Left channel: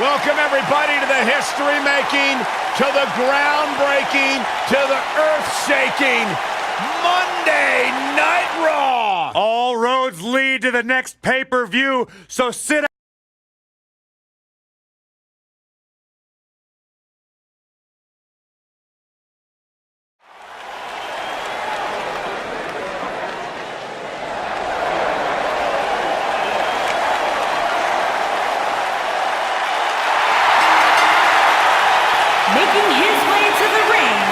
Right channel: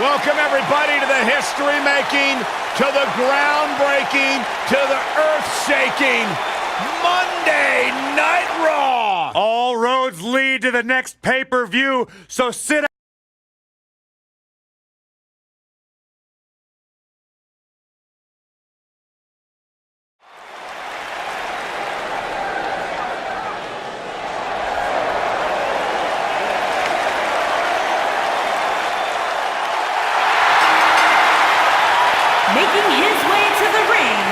Welcome everybody to the history-making, to the groundbreaking, to the earth-shaking Monday Night Raw! All roads lead to the next pay-per-view, so sit down. Making his way to the ring,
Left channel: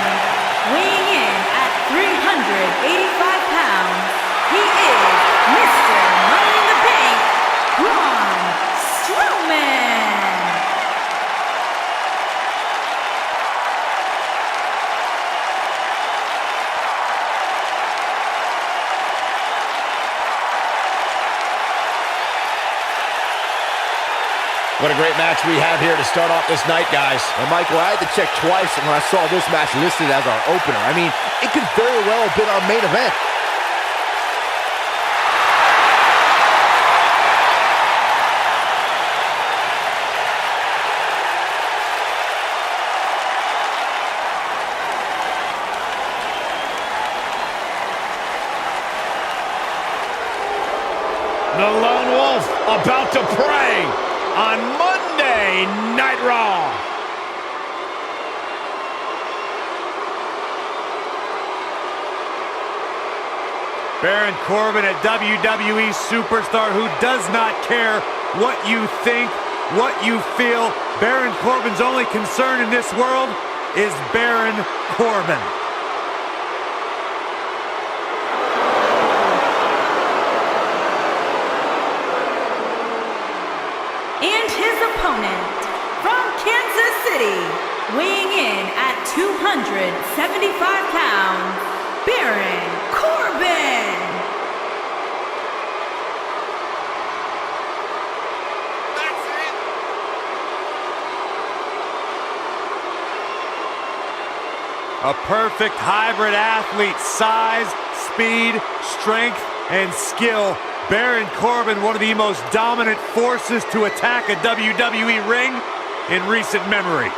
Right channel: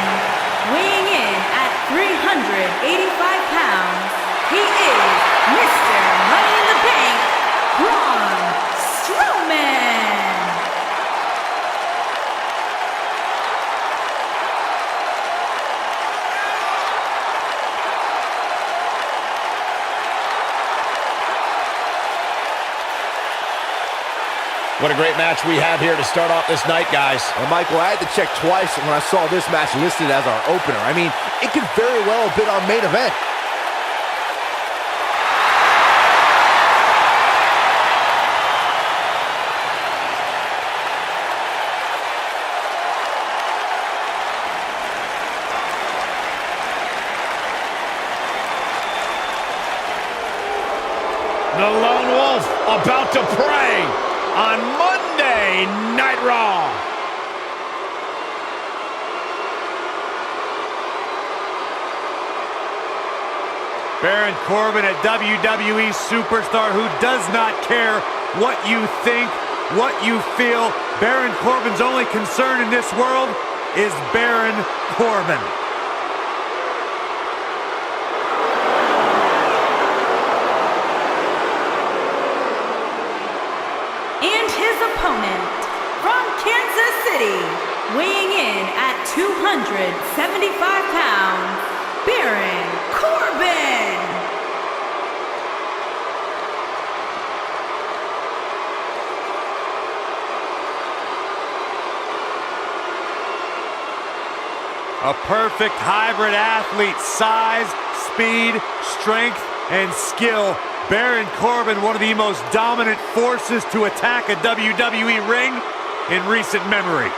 weighing in at 385 pounds, he is Mr. Money in the Bank, Braun Strowman. What a great match we have here to start off this night, guys. And Michael, I had to check twice when I saw this match listed as our opener. I mean, it could very well have been our main event. The Lone Wolf about to prey on Monday Night Raw. Baron Corbin, a WWE superstar who does not care what you think, what you feel. Baron Corbin's only concern in this world is Baron Corbin. And his opponent, from Kansas City, weighing in at 275 pounds, Baron Corbin. A perfect hybrid athlete, size, speed, strength, and skill. Baron Corbin, one of the most dominant forces to attack a WWE ring in recent memory.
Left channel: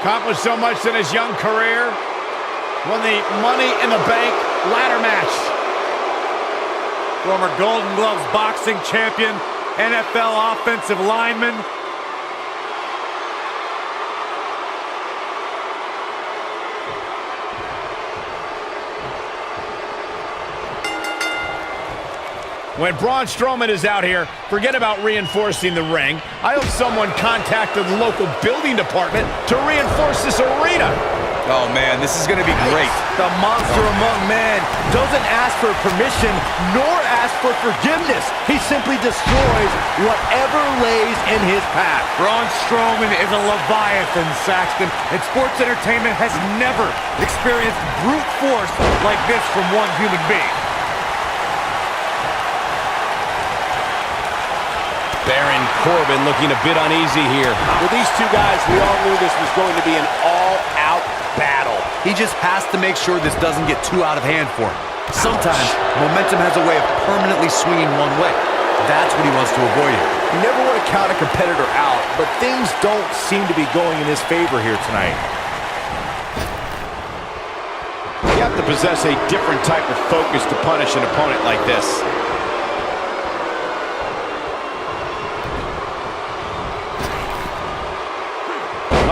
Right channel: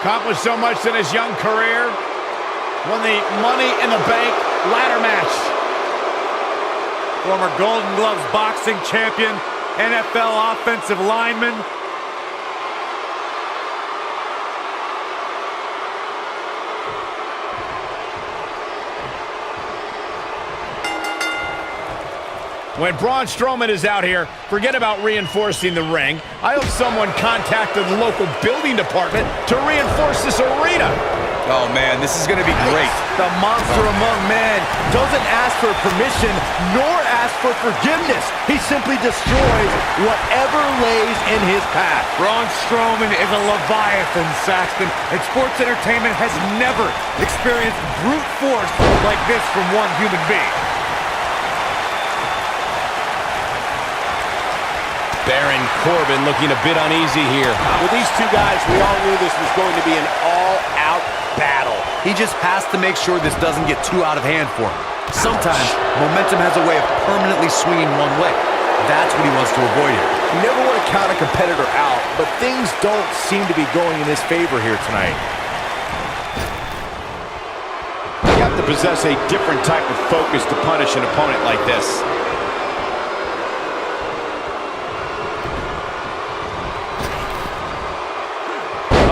Accomplished so much in his young career. Won the Money in the Bank ladder match. Former Golden Gloves boxing champion, NFL offensive lineman. When Braun Strowman is out here, forget about reinforcing the ring. I hope someone contacted the local building department to reinforce this arena. Oh man, this is gonna be great. The monster among men doesn't ask for permission nor ask for forgiveness. He simply destroys whatever lays in his path. Braun Strowman is a Leviathan, Saxton, and sports entertainment has never experienced brute force like this from one human being. Baron Corbin looking a bit uneasy here. With these two guys, we all knew this was going to be an all-out battle. He just has to make sure this doesn't get too out of hand for him. Sometimes, momentum has a way of permanently swinging one way. That's what he wants to avoid here. You never want to count a competitor out, but things don't seem to be going in his favor here tonight. You have to possess a different type of focus to punish an opponent like this.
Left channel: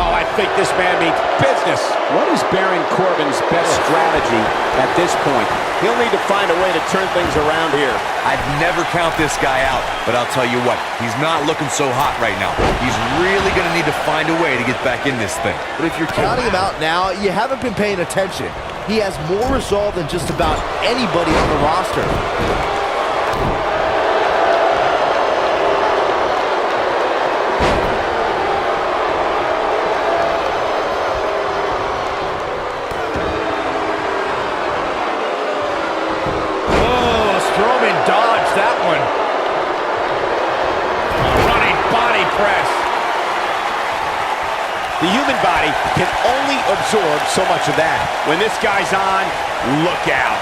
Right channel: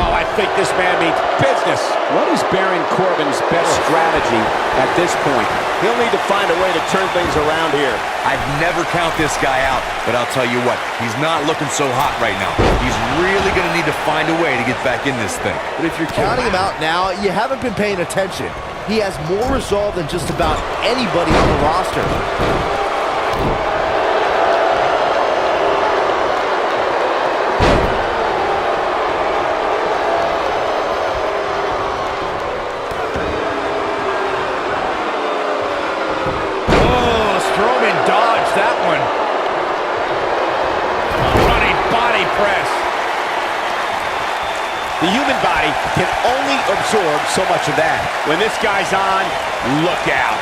I think this man means business. What is Baron Corbin's best strategy at this point? He'll need to find a way to turn things around here. I'd never count this guy out, but I'll tell you what, he's not looking so hot right now. He's really going to need to find a way to get back in this thing. But if you're counting him out now, you haven't been paying attention. He has more resolve than just about anybody on the roster. That one. Running body press. The human body can only absorb so much of that. When this guy's on, look out.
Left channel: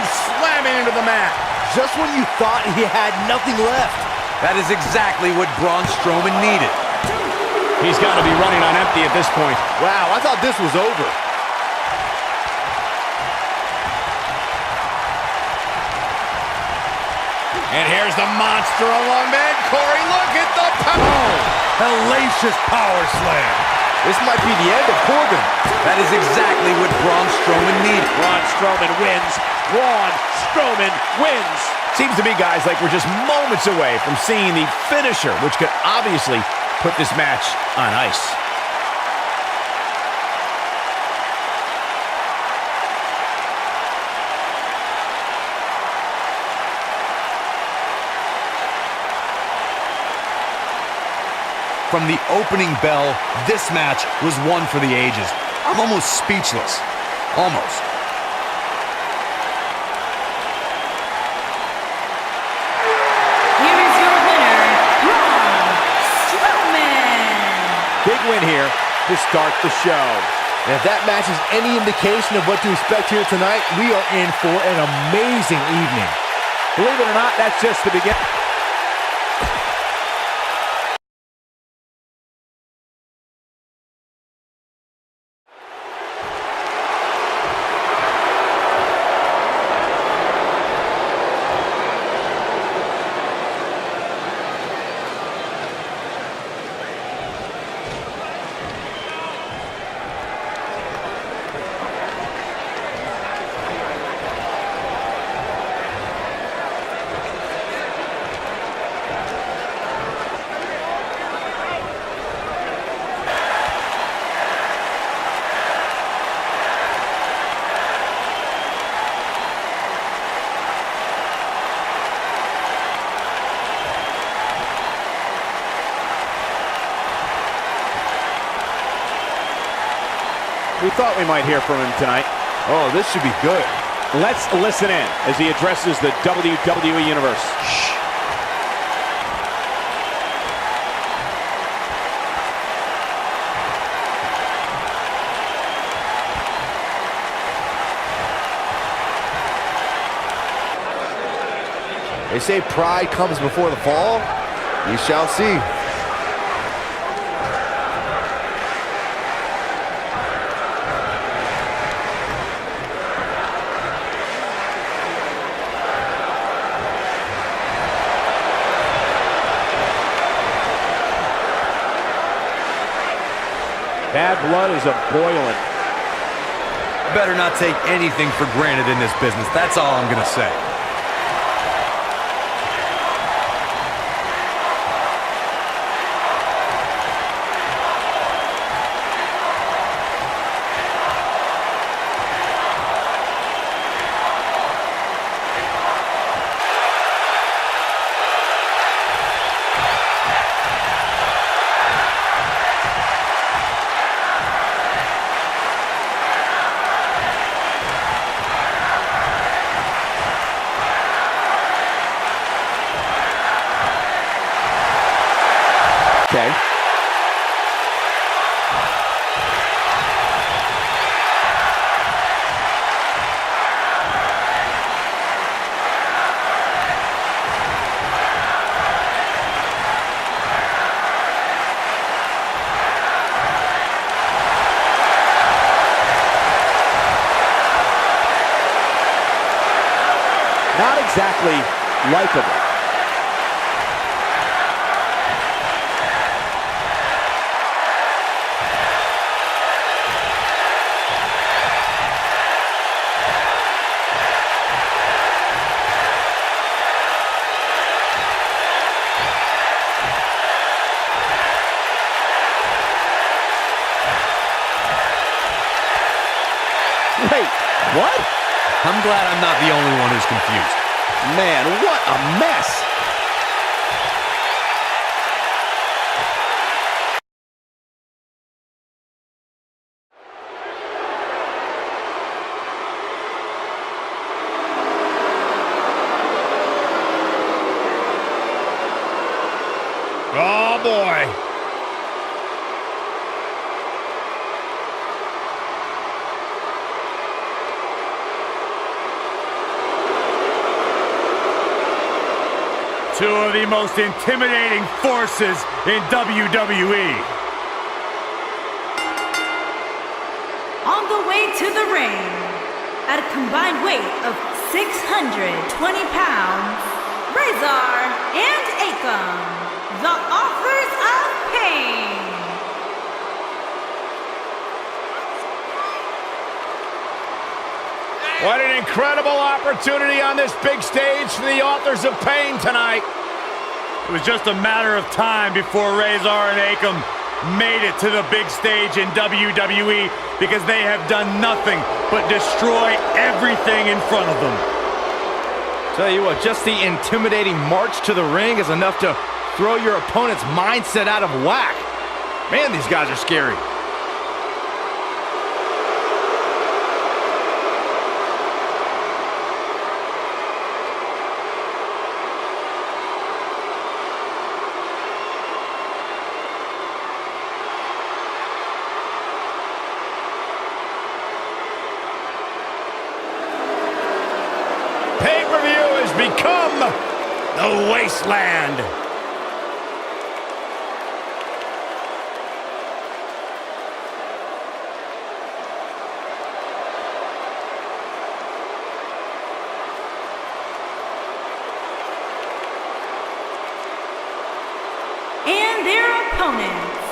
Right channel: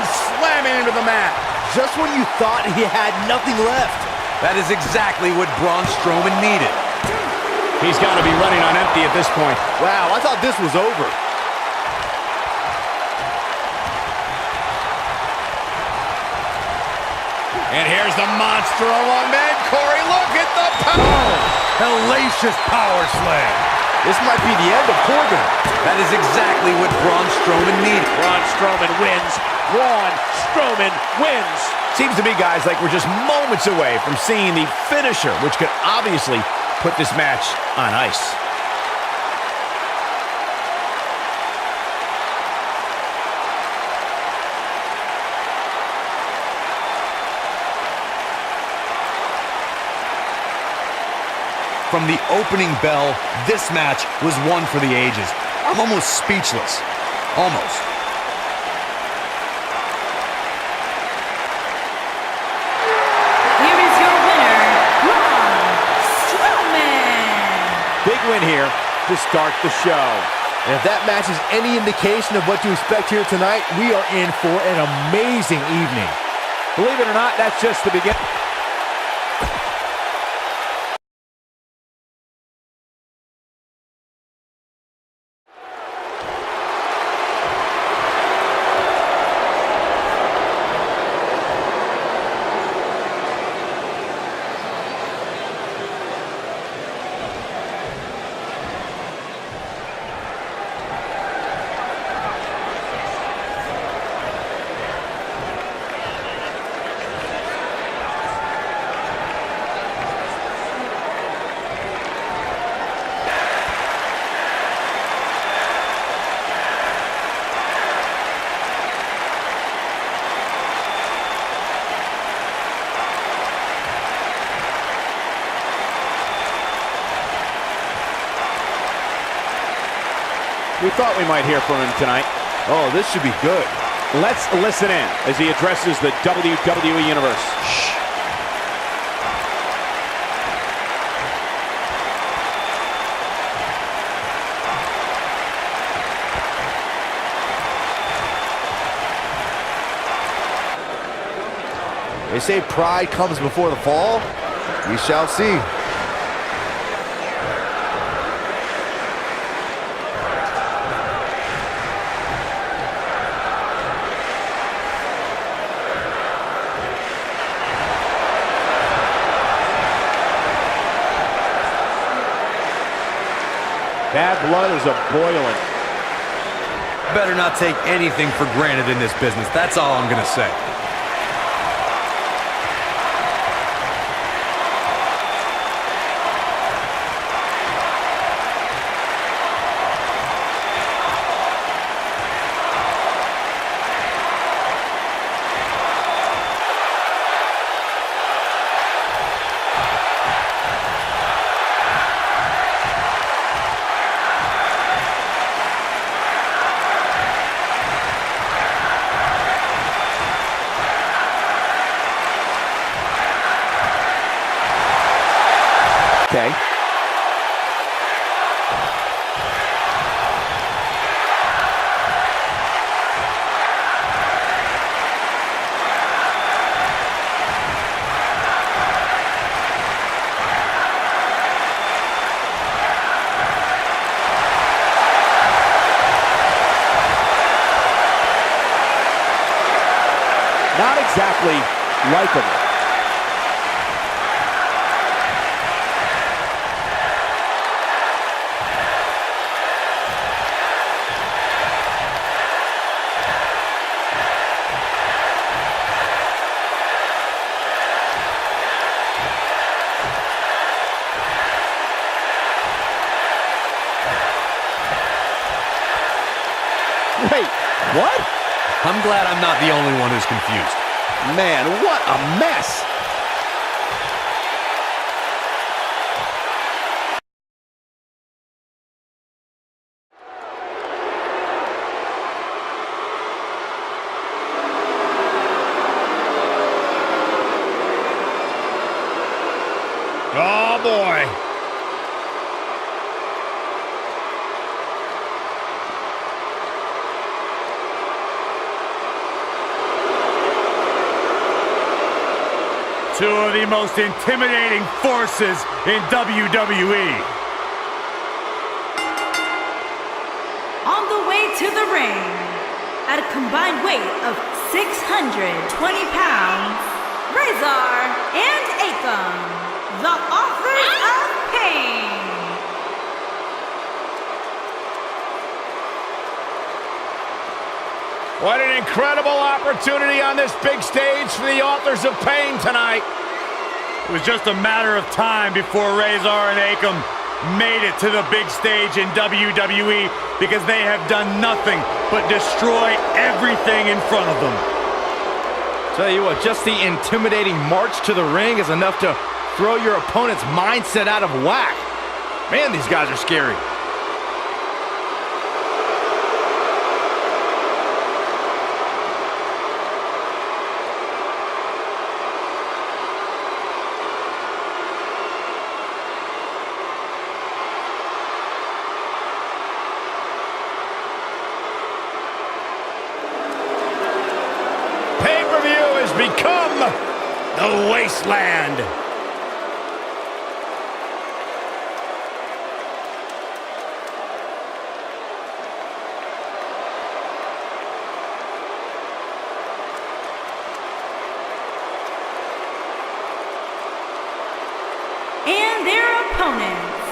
and slamming into the mat. Just when you thought he had nothing left. That is exactly what Braun Strowman needed. He's got to be running on empty at this point. Wow, I thought this was over. And here's the monster among men. Corey, look at the power. Hellacious power slam. This might be the end of Corbin. That is exactly what Braun Strowman needed. Braun Strowman wins. Braun Strowman wins. Seems to me, guys, like we're just moments away from seeing the finisher, which could obviously put this match on ice. From the opening bell, this match was one for the ages. I'm almost speechless. Almost. Here is your winner, Braun Strowman. Big win here to start the show. And if that match is any indication of what to expect here tonight, we are in for an amazing evening. Believe it or not, that's just the beginning. We thought we might hear from him tonight. Oh, this should be good. Let's listen in as he addresses the WWE Universe. Shh. They say pride comes before the fall. We shall see. Bad blood is a-boiling. Better not take anything for granted in this business. That's all I'm gonna say. Okay. Not exactly likable. Wait, what? I'm glad I'm not the only one who's confused. Man, what a mess. Oh, boy. Two of the most intimidating forces in WWE. On the way to the ring, at a combined weight of 620 pounds, Razor and Akam, the authors of pain. What an incredible opportunity on this big stage for the authors of pain tonight. It was just a matter of time before Razor and Akam made it to the big stage in WWE because they have done nothing but destroy everything in front of them. Tell you what, just the intimidating march to the ring is enough to throw your opponent's mindset out of whack. Man, these guys are scary. Pay-per-view has become the wasteland. And their opponents,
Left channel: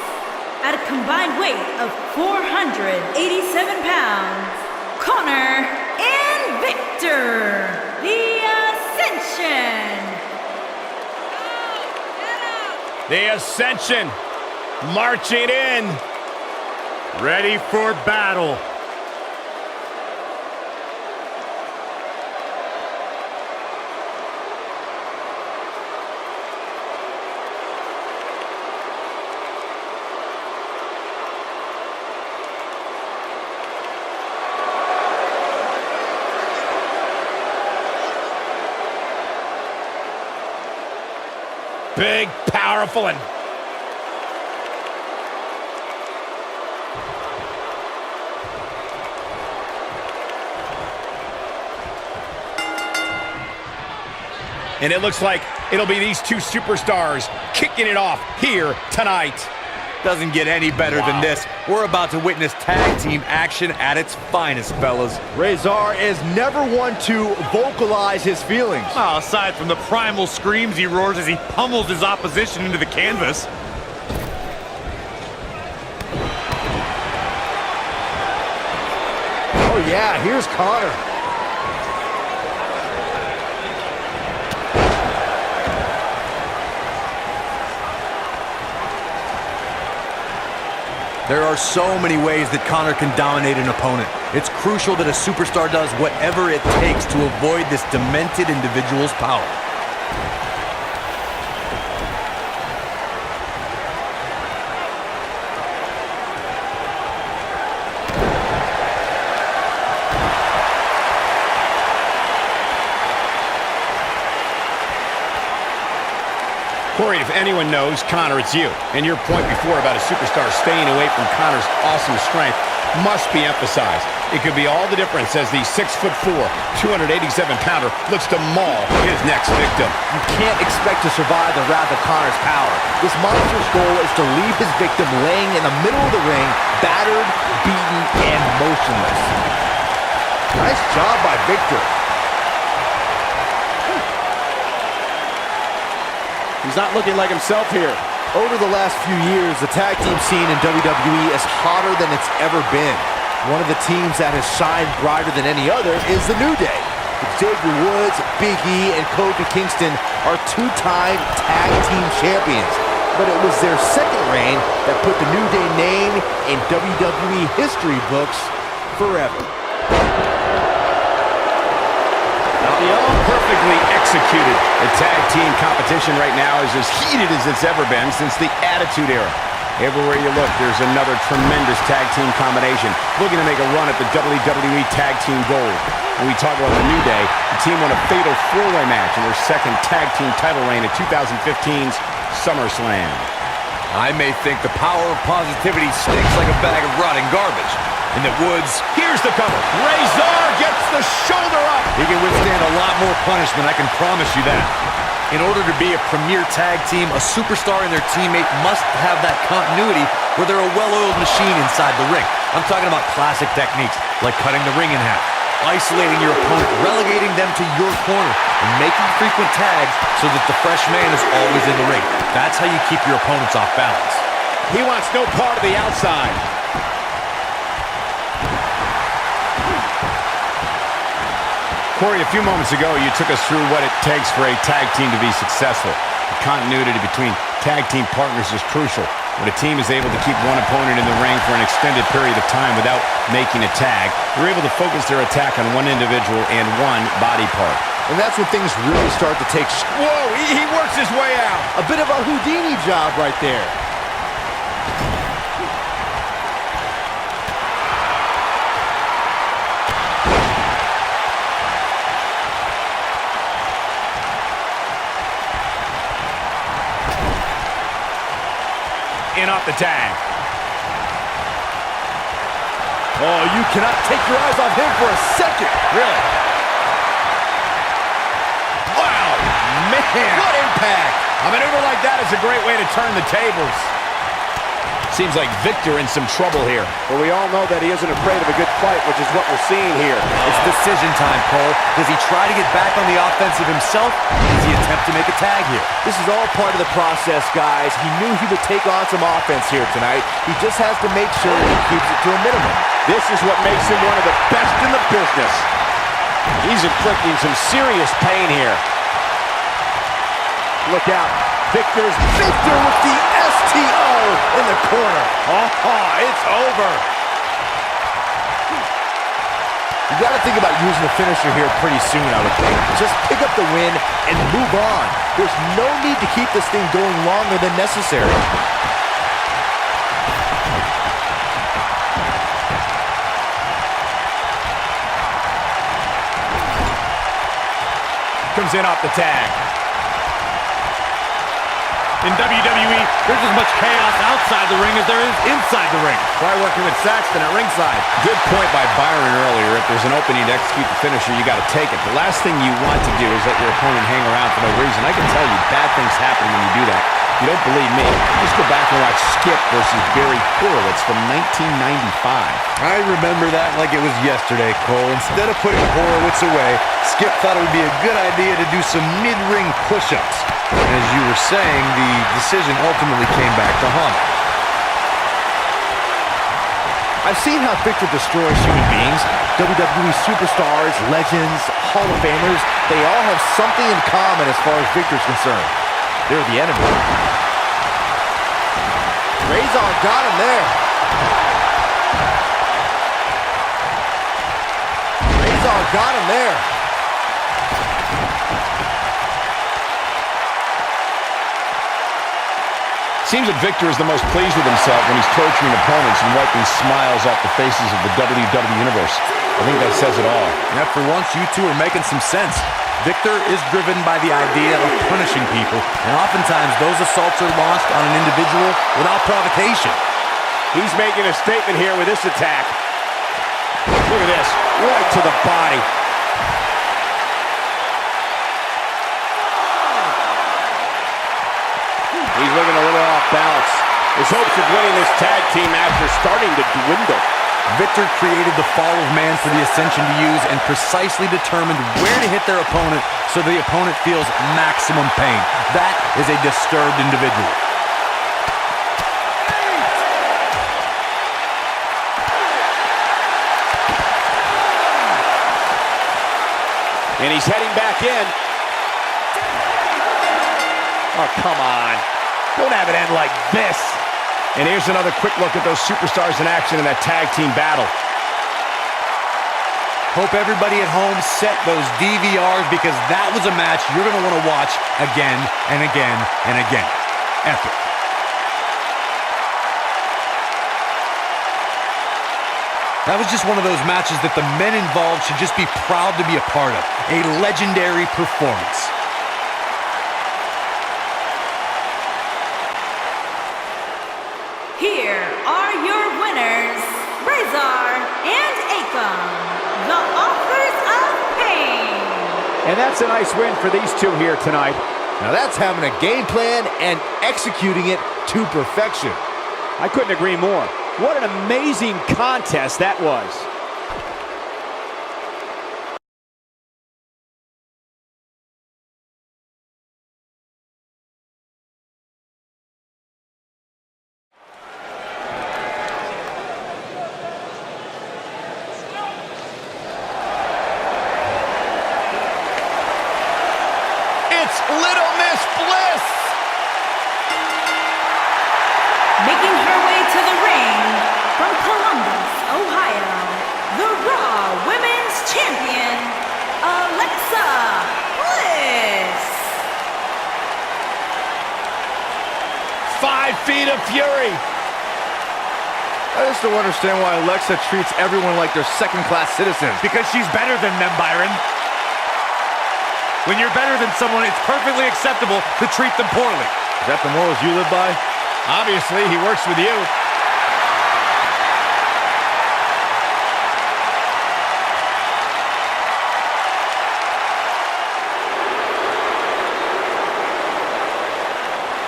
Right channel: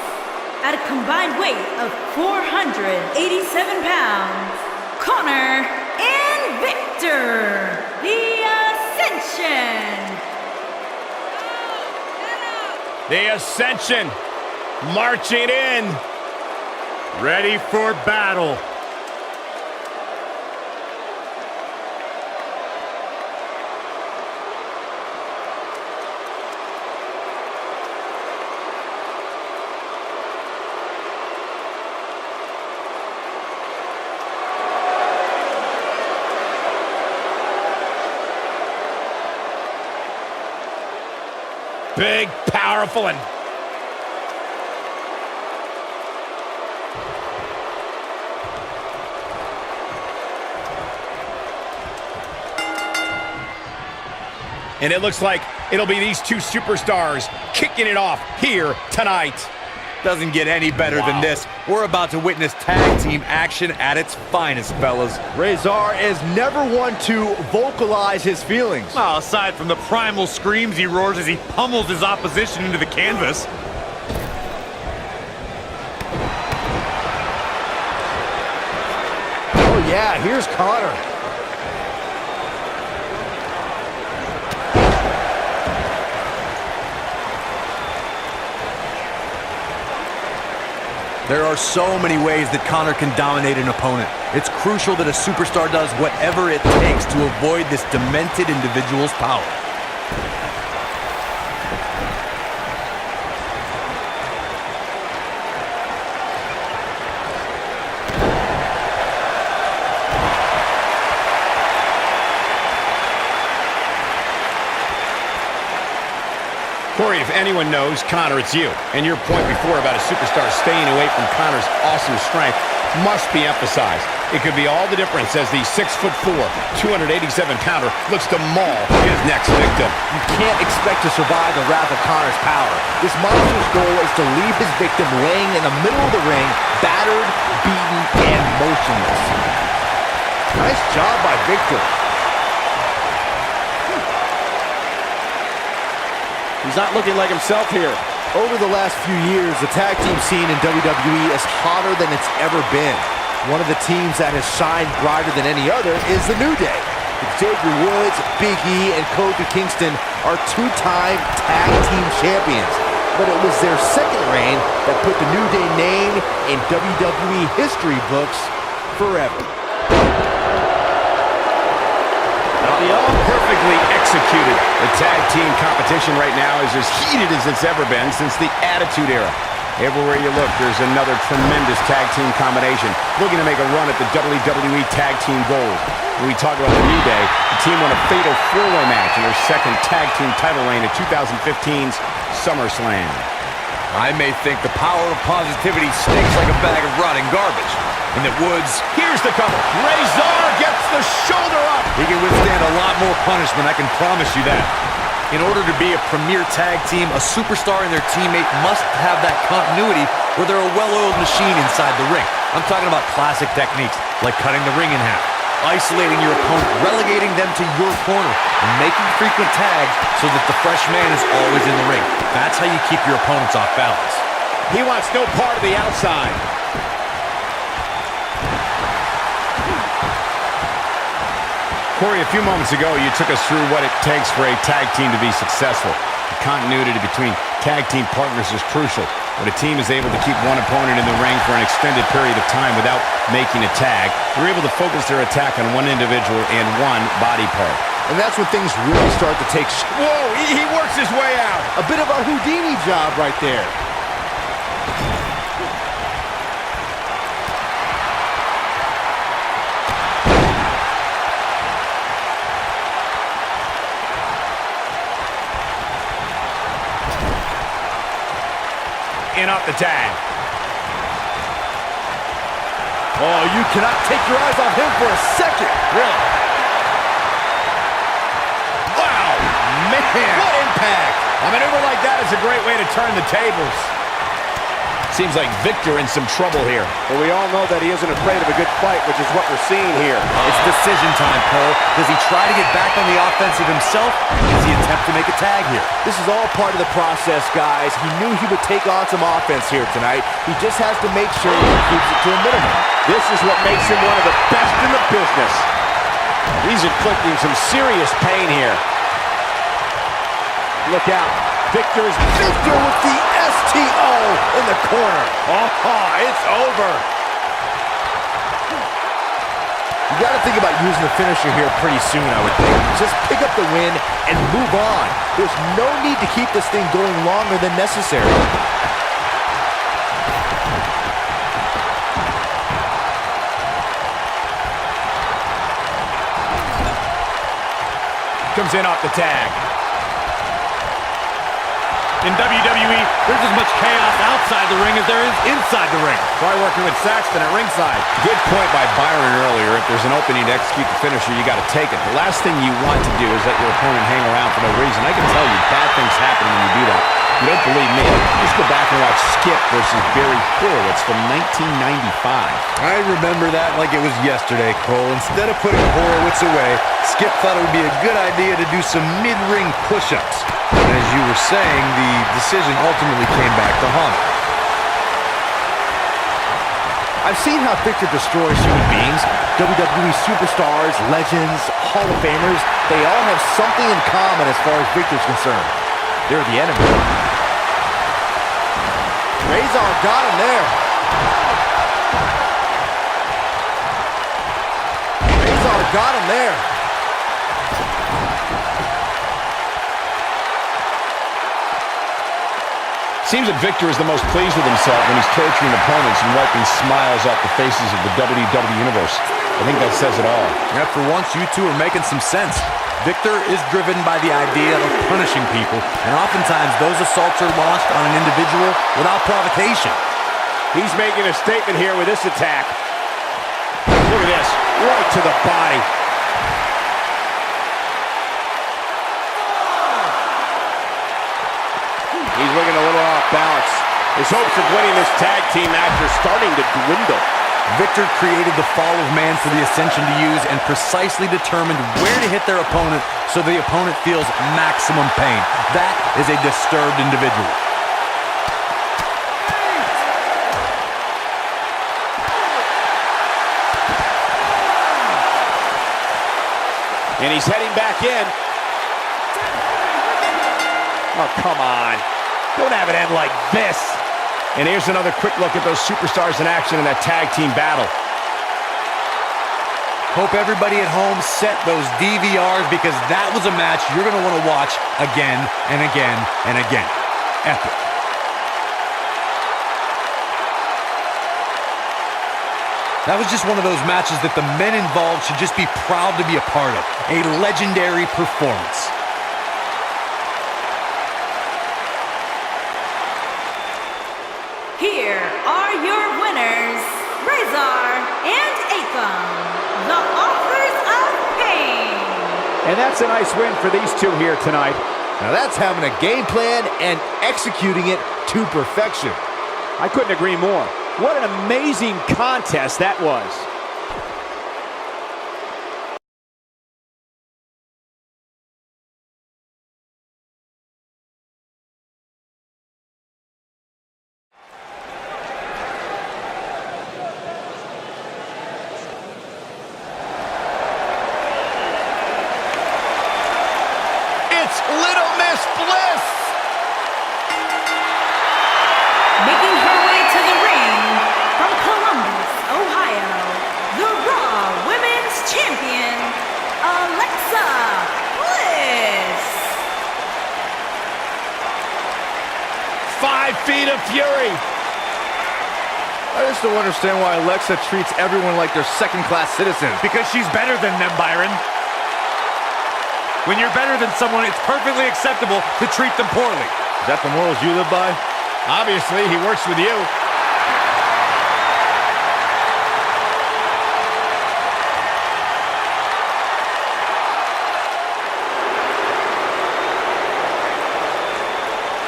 at a combined weight of 487 pounds, Connor and Victor, the Ascension. The Ascension marching in. Ready for battle. Big, powerful, and it looks like it'll be these two superstars kicking it off here tonight. Doesn't get any better than this. We're about to witness tag team action at its finest, fellas. Razor is never one to vocalize his feelings. Well, aside from the primal screams he roars as he pummels his opposition into the canvas. Oh yeah, here's Connor. There are so many ways that Connor can dominate an opponent. It's crucial that a superstar does whatever it takes to avoid this demented individual's power. Corey, if anyone knows Connor, it's you. And your point before about a superstar staying away from Connor's awesome strength must be emphasized. It could be all the difference as the 6'4", 287-pounder looks to maul his next victim. You can't expect to survive the wrath of Connor's power. This monster's goal is to leave his victim laying in the middle of the ring, battered, beaten, and motionless. Nice job by Victor. He's not looking like himself here. Over the last few years, the tag team scene in WWE is hotter than it's ever been. One of the teams that has shined brighter than any other is the New Day. Xavier Woods, Big E, and Kofi Kingston are two-time tag team champions. But it was their second reign that put the New Day name in WWE history books forever. Perfectly executed. The tag team competition right now is as heated as it's ever been since the Attitude Era. Everywhere you look, there's another tremendous tag team combination looking to make a run at the WWE Tag Team Gold. When we talk about the New Day, the team won a fatal four-way match in their second tag team title reign at 2015's SummerSlam. I may think the power of positivity stinks like a bag of rotting garbage, and that Woods... Here's the cover. Razor gets the shoulder up. He can withstand a lot more punishment, I can promise you that. In order to be a premier tag team, a superstar and their teammate must have that continuity where they're a well-oiled machine inside the ring. I'm talking about classic techniques like cutting the ring in half, isolating your opponent, relegating them to your corner, and making frequent tags so that the fresh man is always in the ring. That's how you keep your opponents off balance. He wants no part of the outside. Corey, a few moments ago, you took us through what it takes for a tag team to be successful. The continuity between tag team partners is crucial. When a team is able to keep one opponent in the ring for an extended period of time without making a tag, they're able to focus their attack on one individual and one body part. And that's when things really start to take... Whoa, he works his way out. A bit of a Houdini job right there. In off the tag. Oh, you cannot take your eyes off him for a second. Really? Wow, man. What impact. A maneuver like that is a great way to turn the tables. Seems like Victor in some trouble here. But we all know that he isn't afraid of a good fight, which is what we're seeing here. It's decision time, Cole. Does he try to get back on the offensive himself, or does he attempt to make a tag here? This is all part of the process, guys. He knew he would take on some offense here tonight. He just has to make sure he keeps it to a minimum. This is what makes him one of the best in the business. He's inflicting some serious pain here. Look out. Victor with the STO in the corner. Oh, it's over. You got to think about using the finisher here pretty soon, I would think. Just pick up the win and move on. There's no need to keep this thing going longer than necessary. Comes in off the tag. In WWE, there's as much chaos outside the ring as there is inside the ring. Try working with Saxton at ringside. Good point by Byron earlier. If there's an opening to execute the finisher, you got to take it. The last thing you want to do is let your opponent hang around for no reason. I can tell you bad things happen when you do that. If you don't believe me, just go back and watch Skip versus Barry Horowitz from 1995. I remember that like it was yesterday, Cole. Instead of putting Horowitz away, Skip thought it would be a good idea to do some mid-ring push-ups. And as you were saying, the decision ultimately came back to haunt him. I've seen how Victor destroys human beings. WWE superstars, legends, Hall of Famers, they all have something in common as far as Victor's concerned. They're the enemy. Razor got him there. Razor got him there. Seems that Victor is the most pleased with himself when he's torturing opponents and wiping smiles off the faces of the WWE Universe. I think that says it all. Yeah, for once, you two are making some sense. Victor is driven by the idea of punishing people, and oftentimes those assaults are launched on an individual without provocation. He's making a statement here with this attack. Look at this, right to the body. He's looking a little off balance. His hopes of winning this tag team match are starting to dwindle. Victor created the fall of man for the Ascension to use and precisely determined where to hit their opponent so the opponent feels maximum pain. That is a disturbed individual. And he's heading back in. Oh, come on. Don't have it end like this. And here's another quick look at those superstars in action in that tag team battle. Hope everybody at home set those DVRs because that was a match you're going to want to watch again and again and again. Epic. That was just one of those matches that the men involved should just be proud to be a part of. A legendary performance. Here are your winners, Razor and Akam, the authors of pain. And that's a nice win for these two here tonight. Now that's having a game plan and executing it to perfection. I couldn't agree more. What an amazing contest that was. It's Little Miss Bliss! Making her way to the ring from Columbus, Ohio, the Raw Women's Champion, Alexa Bliss. 5 feet of fury. I just don't understand why Alexa treats everyone like they're second-class citizens. Because she's better than them, Byron. When you're better than someone, it's perfectly acceptable to treat them poorly. Is that the morals you live by? Obviously, he works with you.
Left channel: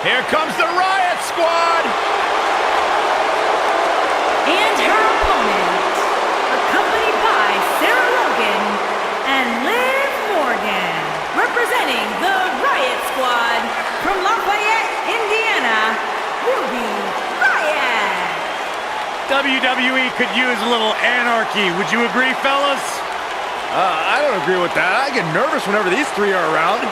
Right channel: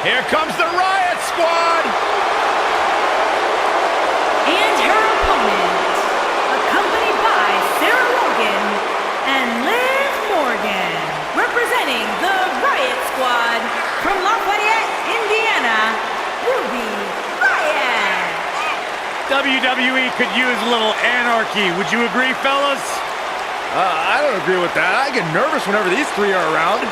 Here comes the Riot Squad! And her opponent, accompanied by Sarah Logan and Liv Morgan, representing the Riot Squad from Lafayette, Indiana, Ruby Riott. WWE could use a little anarchy. Would you agree, fellas? I don't agree with that. I get nervous whenever these three are around.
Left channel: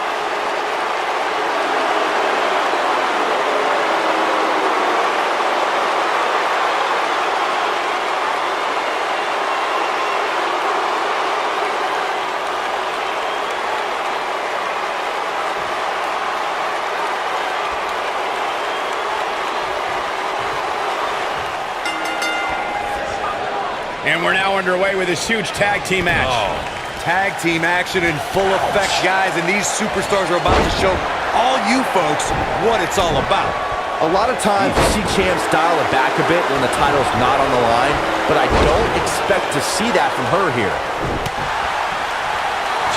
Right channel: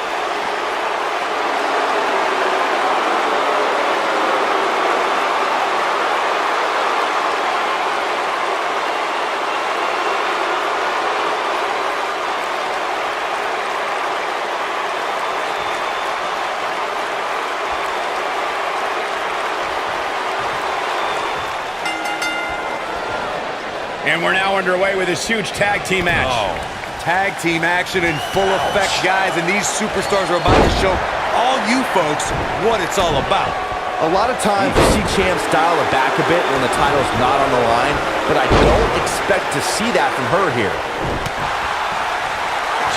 And we're now underway with this huge tag team match. Oh, tag team action in full effect, guys, and these superstars are about to show all you folks what it's all about. A lot of times you see champs dial it back a bit when the title's not on the line, but I don't expect to see that from her here.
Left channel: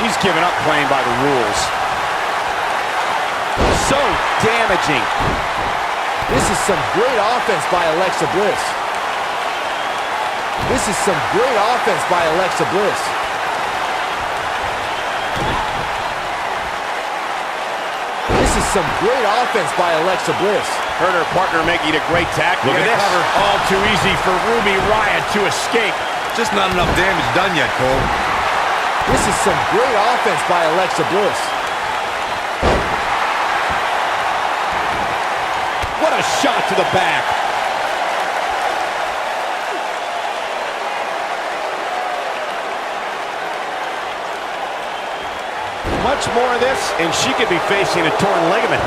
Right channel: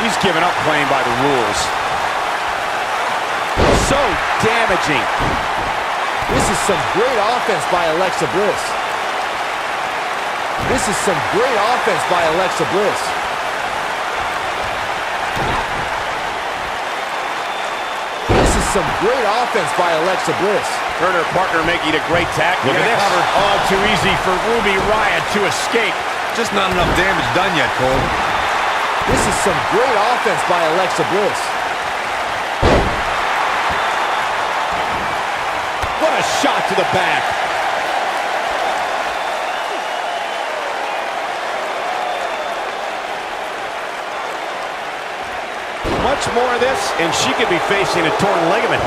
She's given up playing by the rules. So damaging. This is some great offense by Alexa Bliss. This is some great offense by Alexa Bliss. This is some great offense by Alexa Bliss. Her and her partner making a great tackle. Look at this. Cover. All too easy for Ruby Riott to escape. Just not enough damage done yet, Cole. This is some great offense by Alexa Bliss. What a shot to the back. Much more of this, and she could be facing a torn ligament.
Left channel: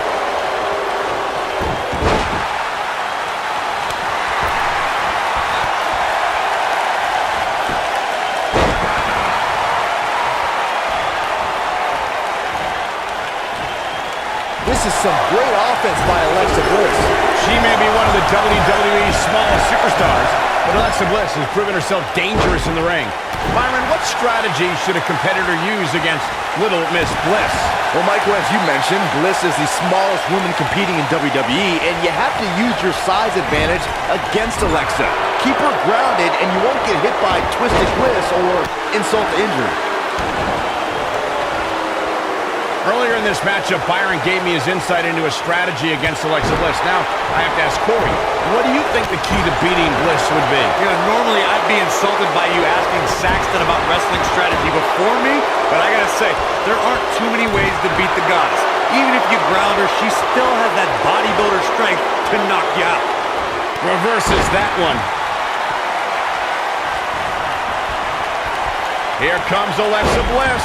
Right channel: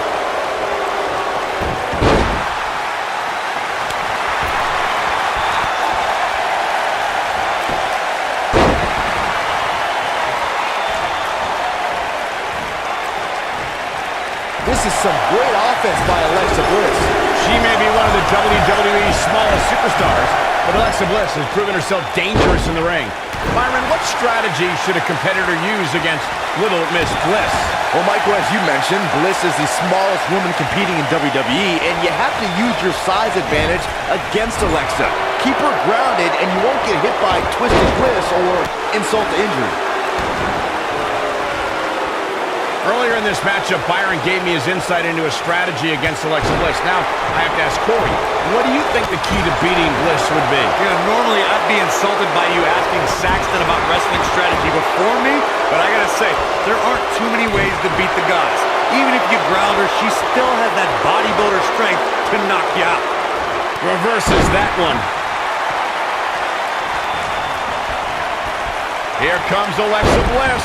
This is some great offense by Alexa Bliss. She may be one of the WWE's smallest superstars, but Alexa Bliss has proven herself dangerous in the ring. Byron, what strategy should a competitor use against Little Miss Bliss? Well, Michael, as you mentioned, Bliss is the smallest woman competing in WWE, and you have to use your size advantage against Alexa. Keep her grounded, and you won't get hit by Twisted Bliss or insult to injury. Earlier in this matchup, Byron gave me his insight into a strategy against Alexa Bliss. Now, I have to ask Corey, what do you think the key to beating Bliss would be? You know, normally I'd be insulted by you asking Saxton about wrestling strategy before me, but I gotta say, there aren't too many ways to beat the goddess. Even if you ground her, she still has that bodybuilder strength to knock you out. Reverses that one. Here comes Alexa Bliss.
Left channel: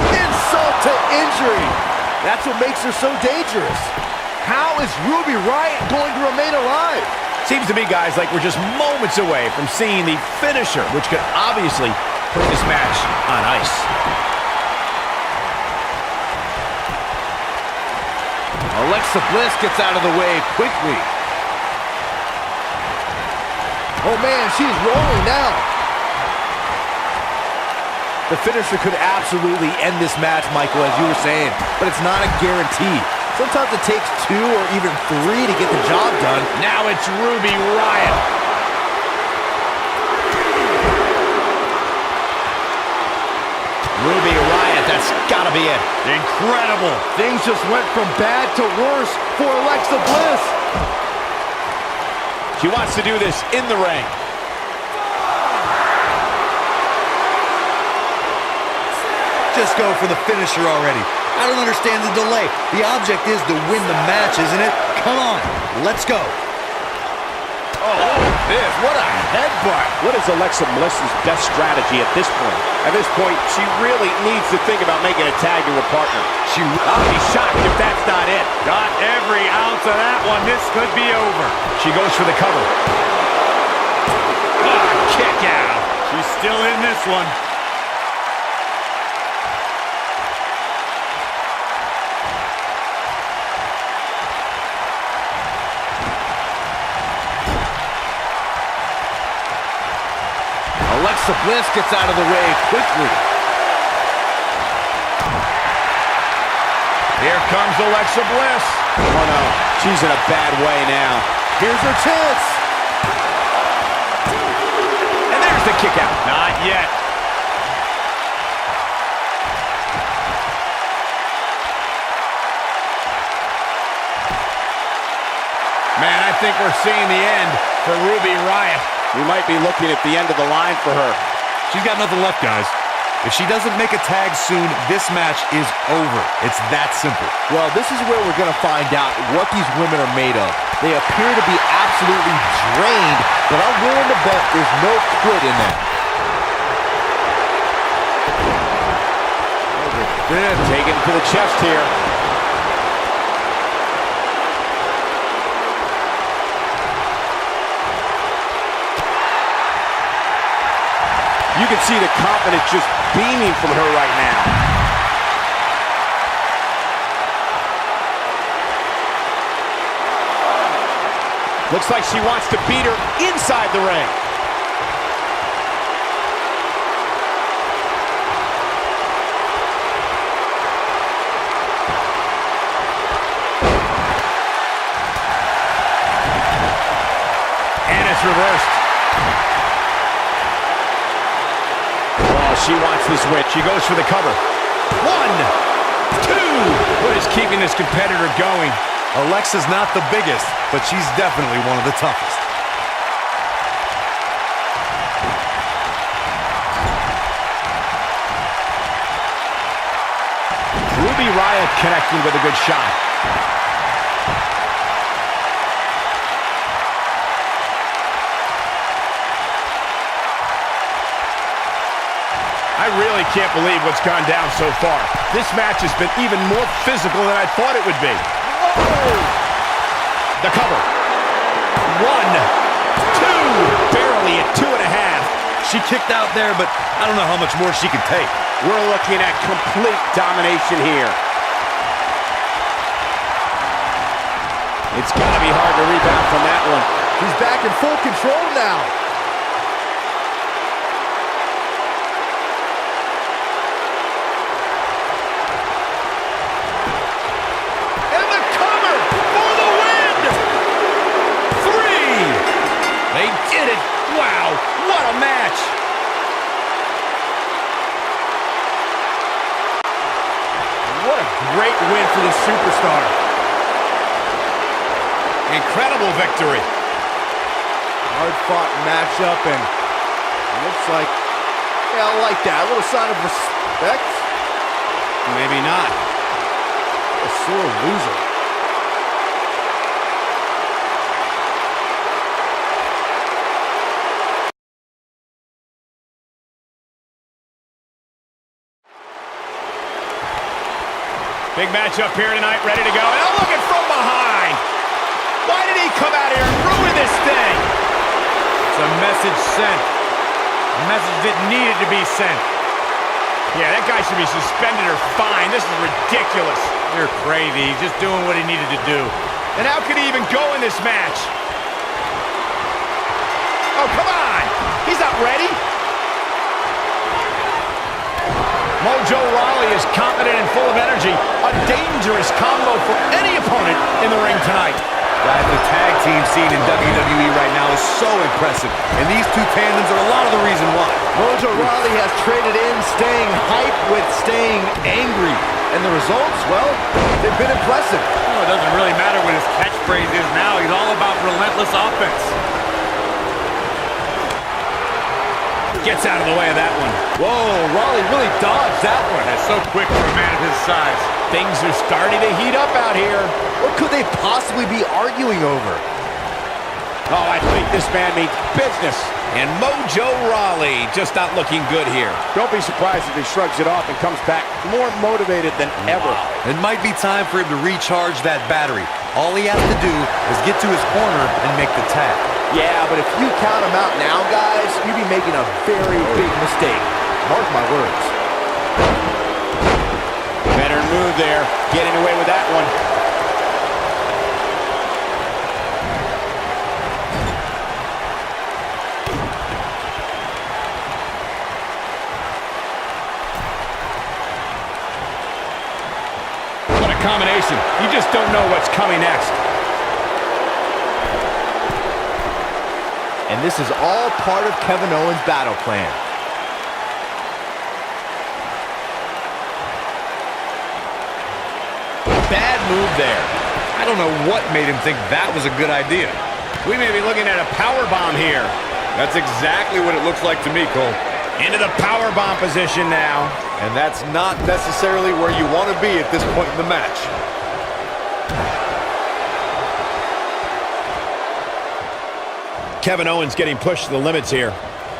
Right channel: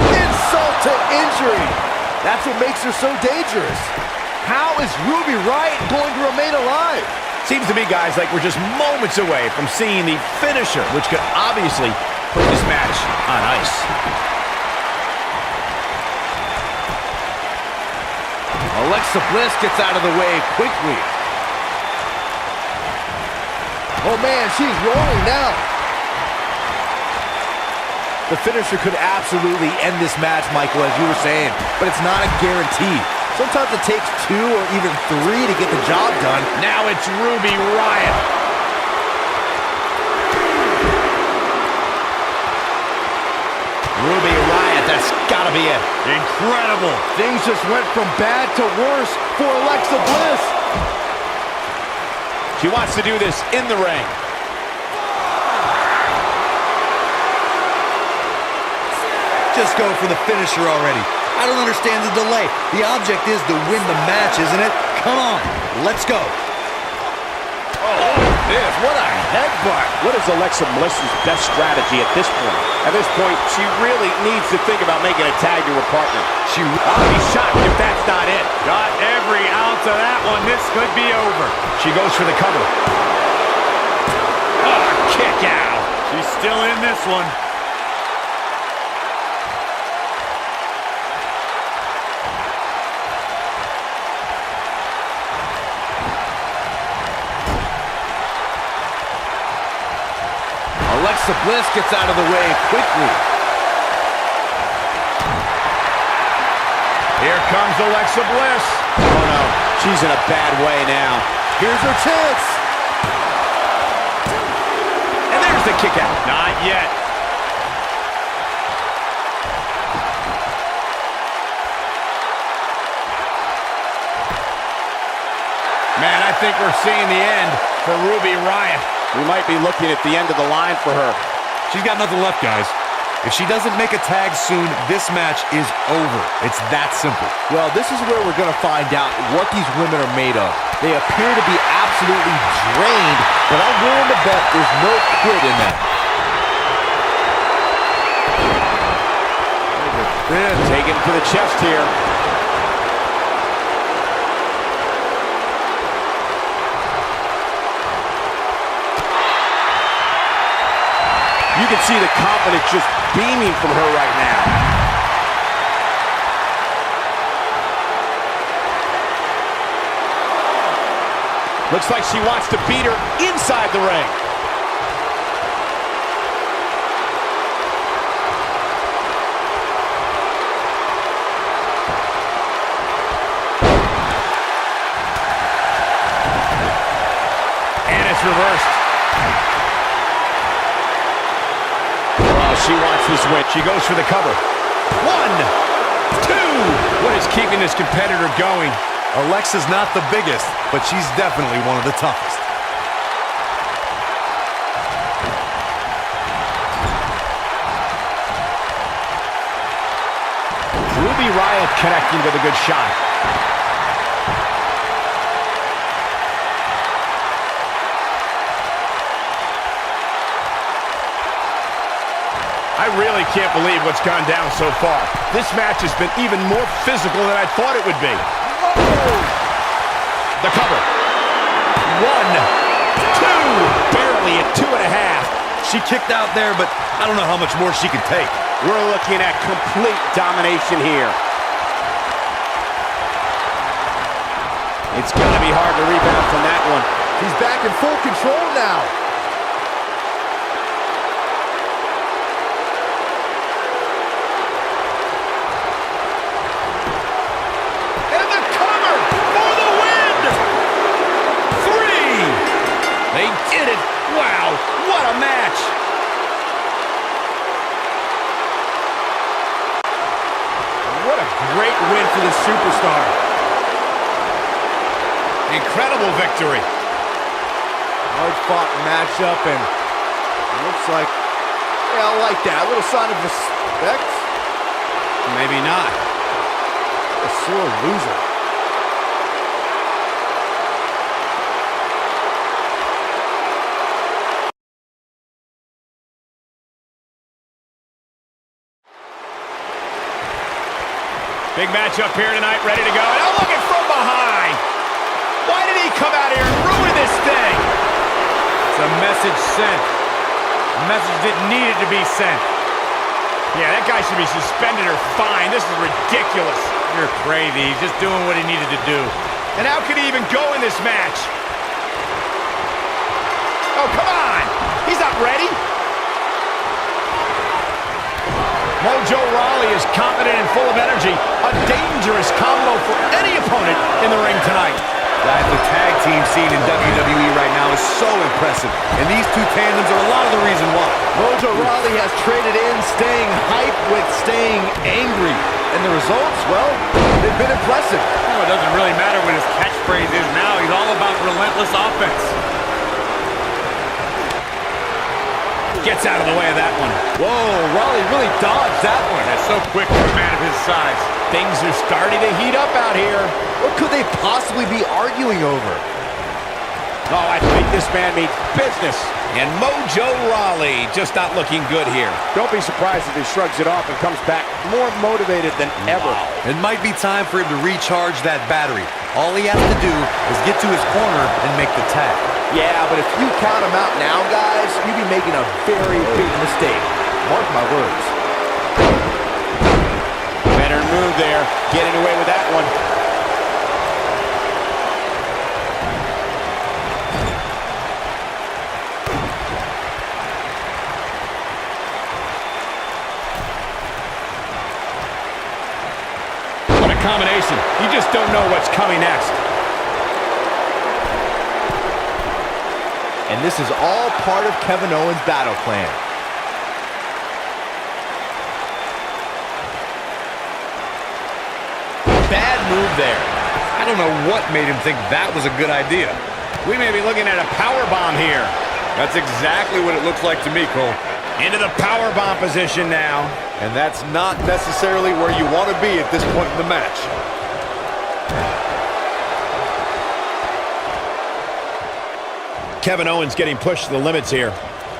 Insult to injury. That's what makes her so dangerous. How is Ruby Riott going to remain alive? Seems to me, guys, like we're just moments away from seeing the finisher, which could obviously put this match on ice. Alexa Bliss gets out of the way quickly. Oh man, she's rolling now. The finisher could absolutely end this match, Michael, as you were saying, but it's not a guarantee. Sometimes it takes 2 or even 3 to get the job done. Now it's Ruby Riott. Ruby Riott, that's gotta be it. Incredible. Things just went from bad to worse for Alexa Bliss. She wants to do this in the ring. Just go for the finisher already. I don't understand the delay. The object is to win the match, isn't it? Come on, let's go. Oh, what a headbutt. What is Alexa Bliss's best strategy at this point? At this point, she really needs to think about making a tag to her partner. I'll be shocked if that's not it. Got every ounce of that one. This could be over. She goes for the cover. Oh, kick out. She's still in this one. Alexa Bliss gets out of the way quickly. Here comes Alexa Bliss. Oh no, she's in a bad way now. Here's her chance. And there's the kick out. Not yet. Man, I think we're seeing the end for Ruby Riott. We might be looking at the end of the line for her. She's got nothing left, guys. If she doesn't make a tag soon, this match is over. It's that simple. Well, this is where we're going to find out what these women are made of. They appear to be absolutely drained, but I'm willing to bet there's no quit in that. Taken to the chest here. You can see the confidence just beaming from her right now. Looks like she wants to beat her inside the ring. And it's reversed. She wants this win. She goes for the cover. 1, 2. What is keeping this competitor going? Alexa's not the biggest, but she's definitely one of the toughest. Ruby Riott connecting with a good shot. I really can't believe what's gone down so far. This match has been even more physical than I thought it would be. Whoa! The cover. 1, 2. Barely at 2.5. She kicked out there, but I don't know how much more she can take. We're looking at complete domination here. It's got to be hard to rebound from that one. She's back in full control now. They did it! Wow, what a match! What a great win for the superstar. Incredible victory. Hard-fought matchup, and it looks like, yeah, I like that. A little sign of respect. Maybe not. A sore loser. Big match up here tonight, ready to go. And oh, look at from behind. Why did he come out here and ruin this thing? It's a message sent. A message that needed to be sent. Yeah, that guy should be suspended or fined. This is ridiculous. You're crazy. He's just doing what he needed to do. And how could he even go in this match? Oh, come on. He's not ready. Mojo Rawley is confident and full of energy. A dangerous combo for any opponent in the ring tonight. Guys, the tag team scene in WWE right now is so impressive, and these two tandems are a lot of the reason why. Mojo Rawley has traded in staying hype with staying angry. And the results, well, they've been impressive. It doesn't really matter what his catchphrase is now. He's all about relentless offense. Gets out of the way of that one. Whoa, Rawley really dodged that one. That's so quick for a man of his size. Things are starting to heat up out here. What could they possibly be arguing over? Oh, I think this man means business. And Mojo Rawley just not looking good here. Don't be surprised if he shrugs it off and comes back more motivated than ever. It might be time for him to recharge that battery. All he has to do is get to his corner and make the tag. Yeah, but if you count him out now, guys, you'd be making a very big mistake. Mark my words. Better move there. Getting away with that one. What a combination. You just don't know what's coming next. And this is all part of Kevin Owens' battle plan. Bad move there. I don't know what made him think that was a good idea. We may be looking at a power bomb here. That's exactly what it looks like to me, Cole. Into the power bomb position now. And that's not necessarily where you want to be at this point in the match. Kevin Owens getting pushed to the limits here.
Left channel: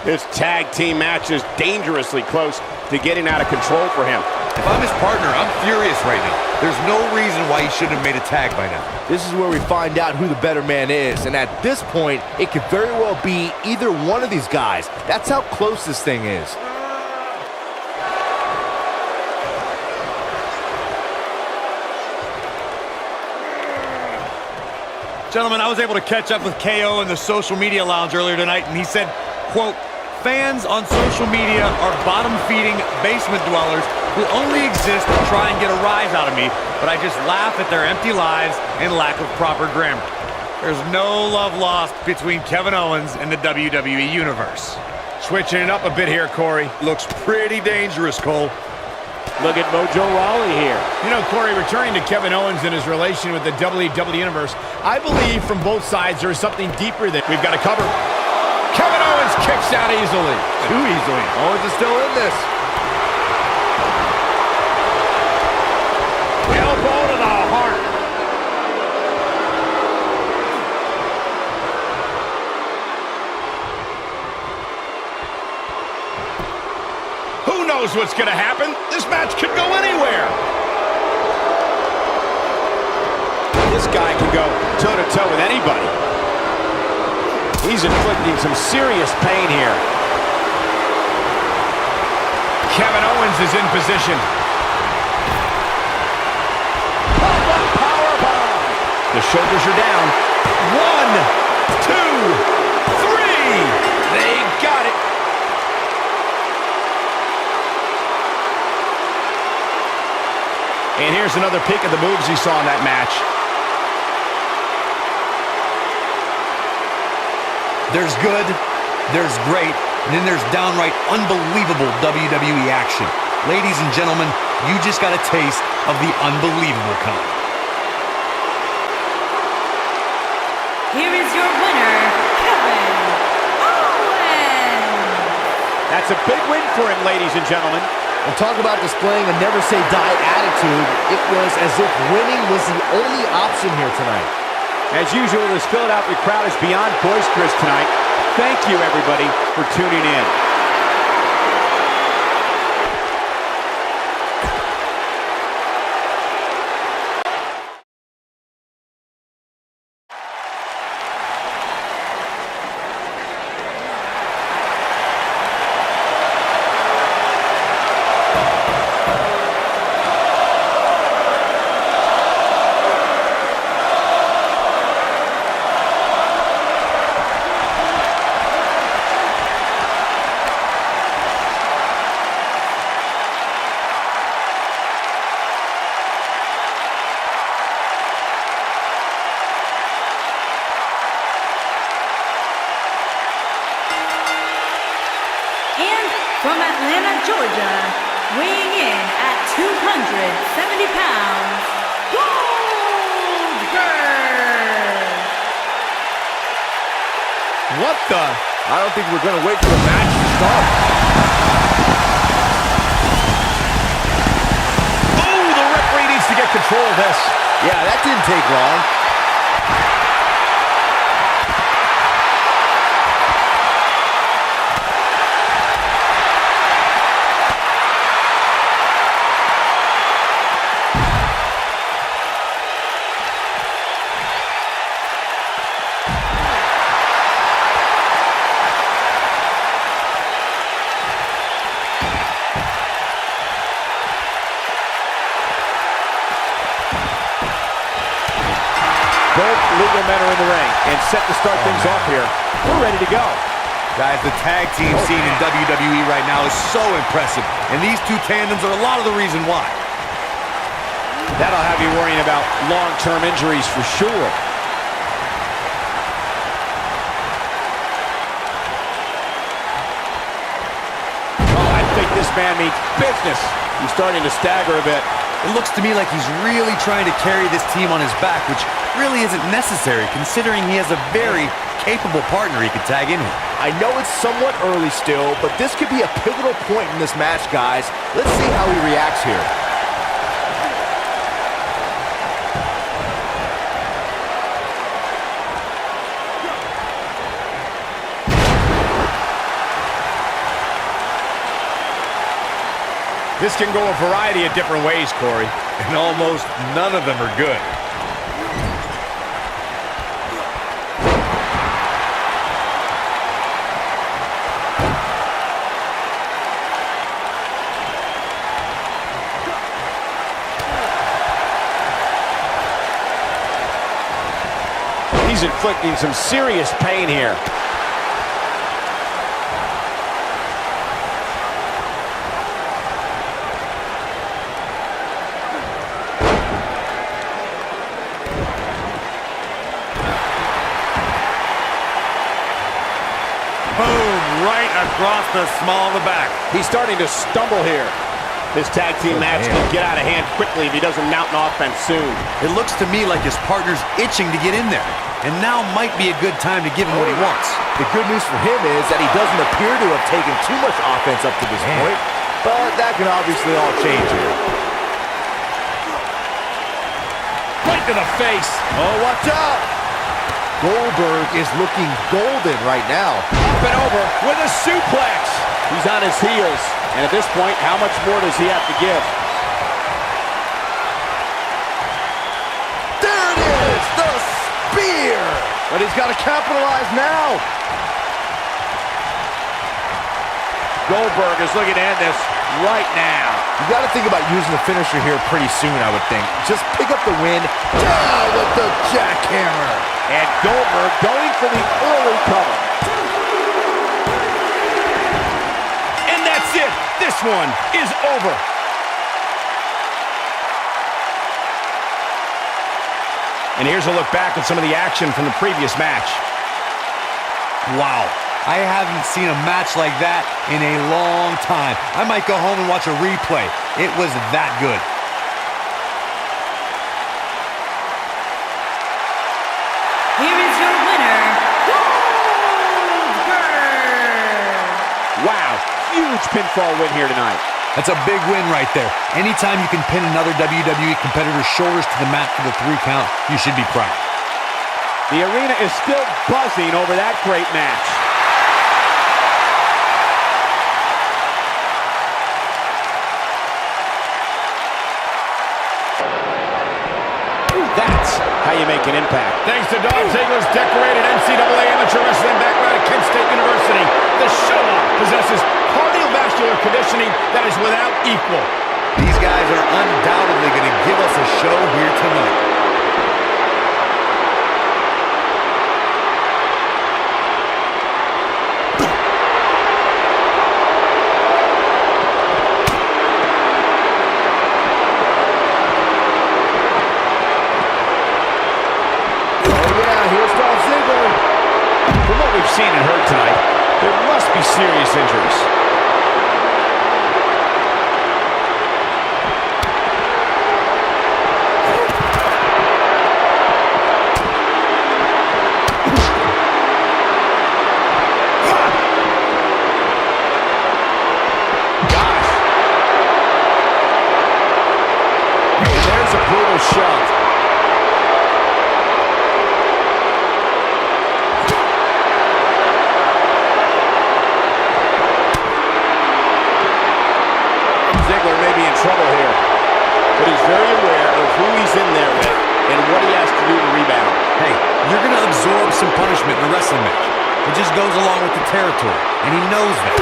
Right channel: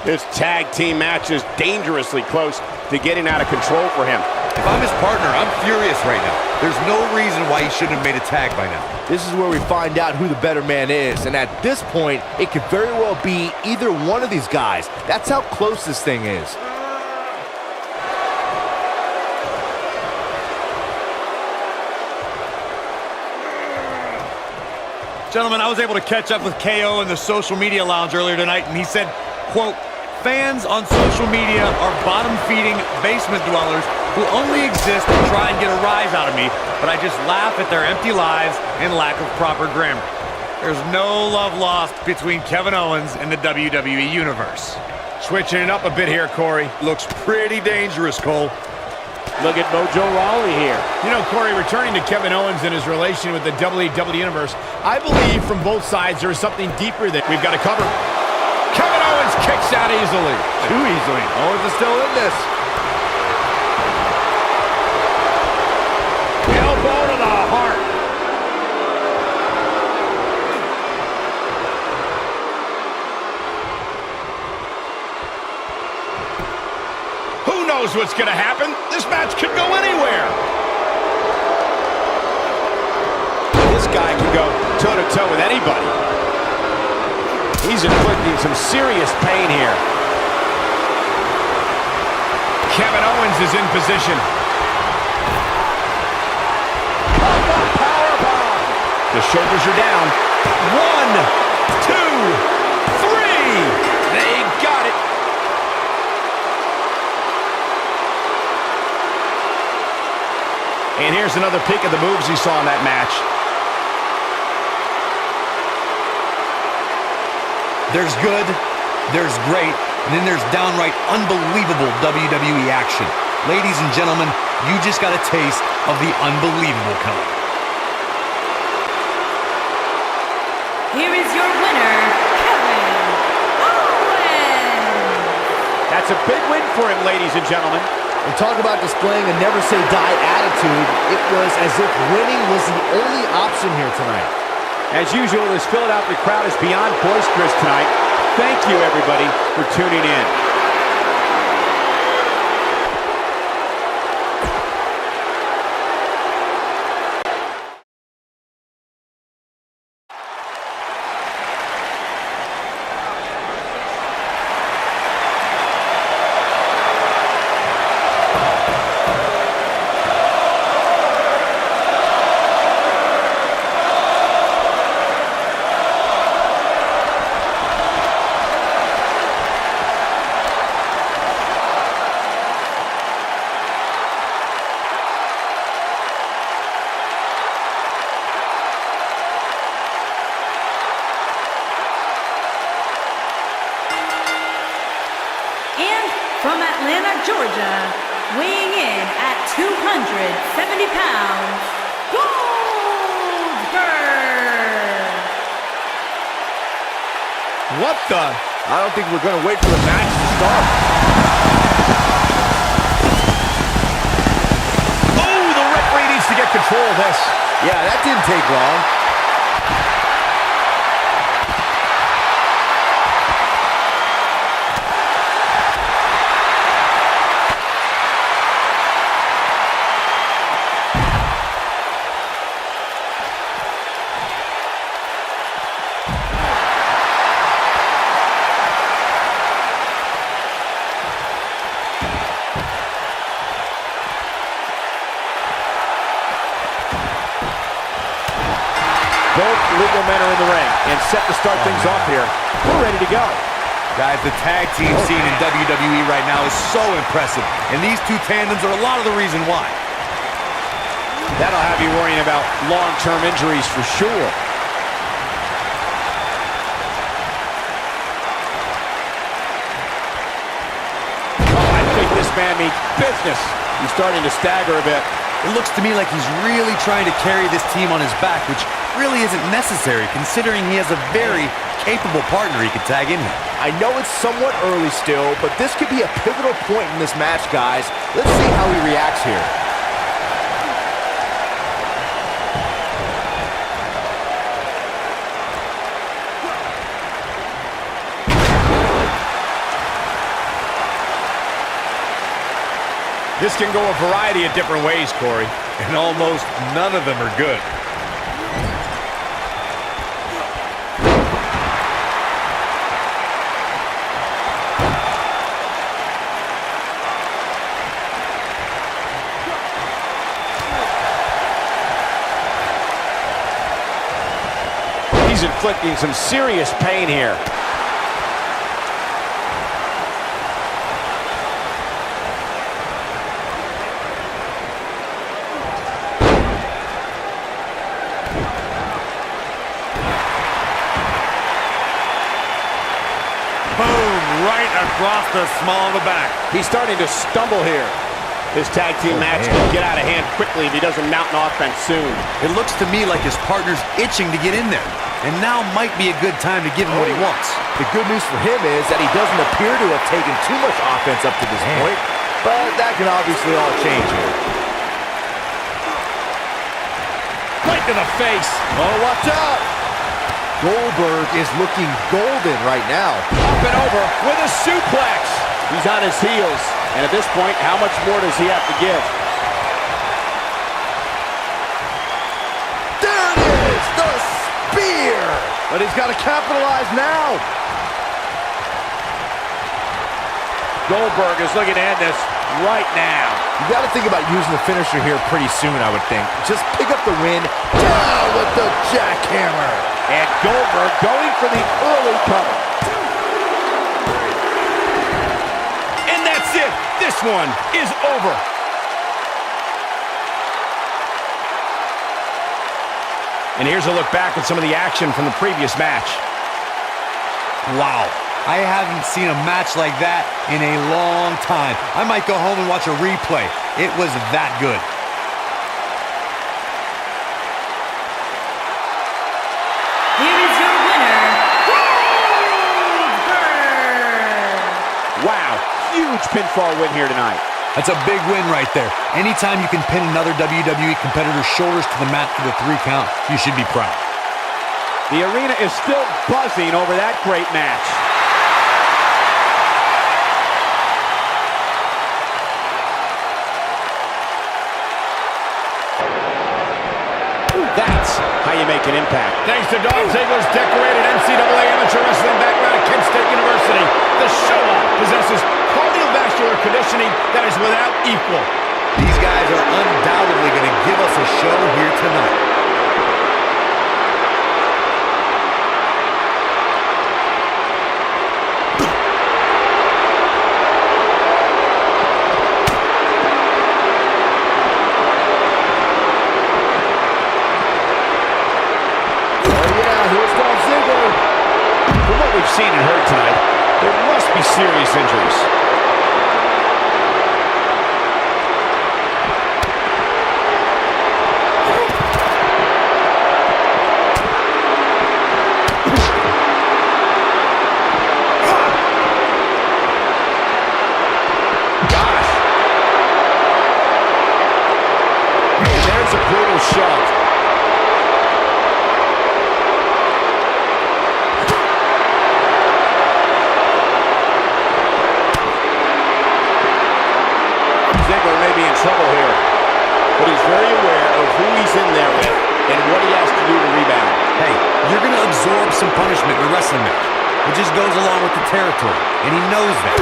This tag team match is dangerously close to getting out of control for him. If I'm his partner, I'm furious right now. There's no reason why he shouldn't have made a tag by now. This is where we find out who the better man is. And at this point, it could very well be either one of these guys. That's how close this thing is. Gentlemen, I was able to catch up with KO in the social media lounge earlier tonight, and he said, quote, "Fans on social media are bottom-feeding basement dwellers who only exist to try and get a rise out of me, but I just laugh at their empty lives and lack of proper grammar." There's no love lost between Kevin Owens and the WWE Universe. Switching it up a bit here, Corey. Looks pretty dangerous, Cole. Look at Mojo Rawley here. You know, Corey, returning to Kevin Owens and his relation with the WWE Universe, I believe from both sides there is something deeper that we've got to cover. Kevin Owens kicks out easily. Too easily. Owens is still in this. Elbow to the heart. Who knows what's going to happen? This match could go anywhere. This guy can go toe-to-toe with anybody. He's inflicting some serious pain here. Kevin Owens is in position. Pop-up powerbomb. The shoulders are down. 1, 2, 3. They got it. And here's another peek of the moves he saw in that match. There's good, there's great, and then there's downright unbelievable WWE action. Ladies and gentlemen, you just got a taste of the unbelievable kind. Here is your winner, Kevin Owens. That's a big win for him, ladies and gentlemen. And talk about displaying a never-say-die attitude. It was as if winning was the only option here tonight. As usual, this Philadelphia crowd is beyond boisterous tonight. Thank you, everybody, for tuning in. from Atlanta, Georgia, weighing in at 270 pounds, Goldberg. What the? I don't think we're going to wait for the match to start. Oh, the referee needs to get control of this. Yeah, that didn't take long. Both legal men are in the ring and set to start things off here. We're ready to go. Guys, the tag team scene in WWE right now is so impressive, and these two tandems are a lot of the reason why. That'll have you worrying about long-term injuries for sure. Oh, I think this man means business. He's starting to stagger a bit. It looks to me like he's really trying to carry this team on his back, which really isn't necessary considering he has a very capable partner he could tag in with. I know it's somewhat early still, but this could be a pivotal point in this match, guys. Let's see how he reacts here. This can go a variety of different ways, Corey. And almost none of them are good. He's inflicting some serious pain here. Boom, right across the small of the back. He's starting to stumble here. This tag team match can get out of hand quickly if he doesn't mount an offense soon. It looks to me like his partner's itching to get in there, and now might be a good time to give him what he wants. The good news for him is that he doesn't appear to have taken too much offense up to this point, but that can obviously all change here. Right to the face. Oh, watch out! Goldberg is looking golden right now. Up and over with a suplex. He's on his heels. And at this point, how much more does he have to give? There it is! The spear! But he's got to capitalize now. Goldberg is looking to end this right now. You got to think about using the finisher here pretty soon, I would think. Just pick up the win. Down with the jackhammer. And Goldberg going for the early cover. And that's it. This one is over. And here's a look back at some of the action from the previous match. Wow. I haven't seen a match like that in a long time. I might go home and watch a replay. It was that good. Here is your winner, Goldberg! Wow, huge pinfall win here tonight. That's a big win right there. Anytime you can pin another WWE competitor's shoulders to the mat for the 3 count, you should be proud. The arena is still buzzing over that great match. That's how you make an impact. Thanks to Dolph Ziggler's decorated NCAA amateur wrestling background at Kent State University, the show-off possesses cardiovascular conditioning that is without equal. These guys are undoubtedly going to give us a show here tonight. From what we've seen and heard tonight, there must be serious injuries. trouble here. But he's very aware of who he's in there with and what he has to do to rebound. Hey, you're going to absorb some punishment in a wrestling match. It just goes along with the territory, and he knows that.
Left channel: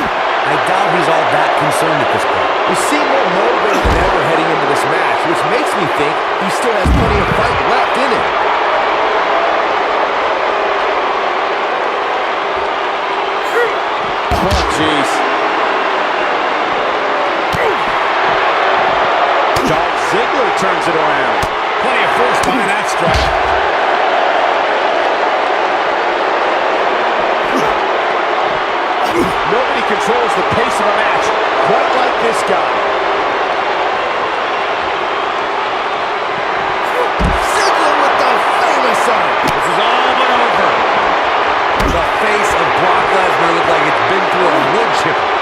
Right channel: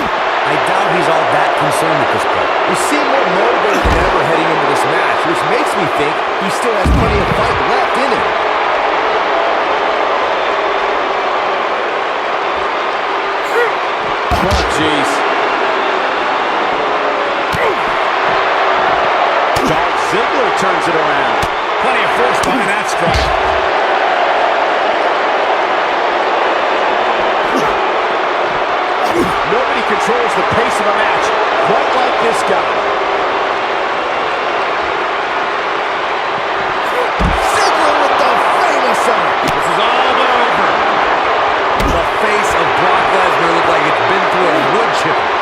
I doubt he's all that concerned at this point. He seemed more motivated than ever heading into this match, which makes me think he still has plenty of fight left in him. Oh, jeez. Dolph Ziggler turns it around. Plenty of force behind that strike. Nobody controls the pace of a match quite like this guy. Ziggler with the famous arm. This is all but over. The face of Brock Lesnar looked like it's been through a wood chipper.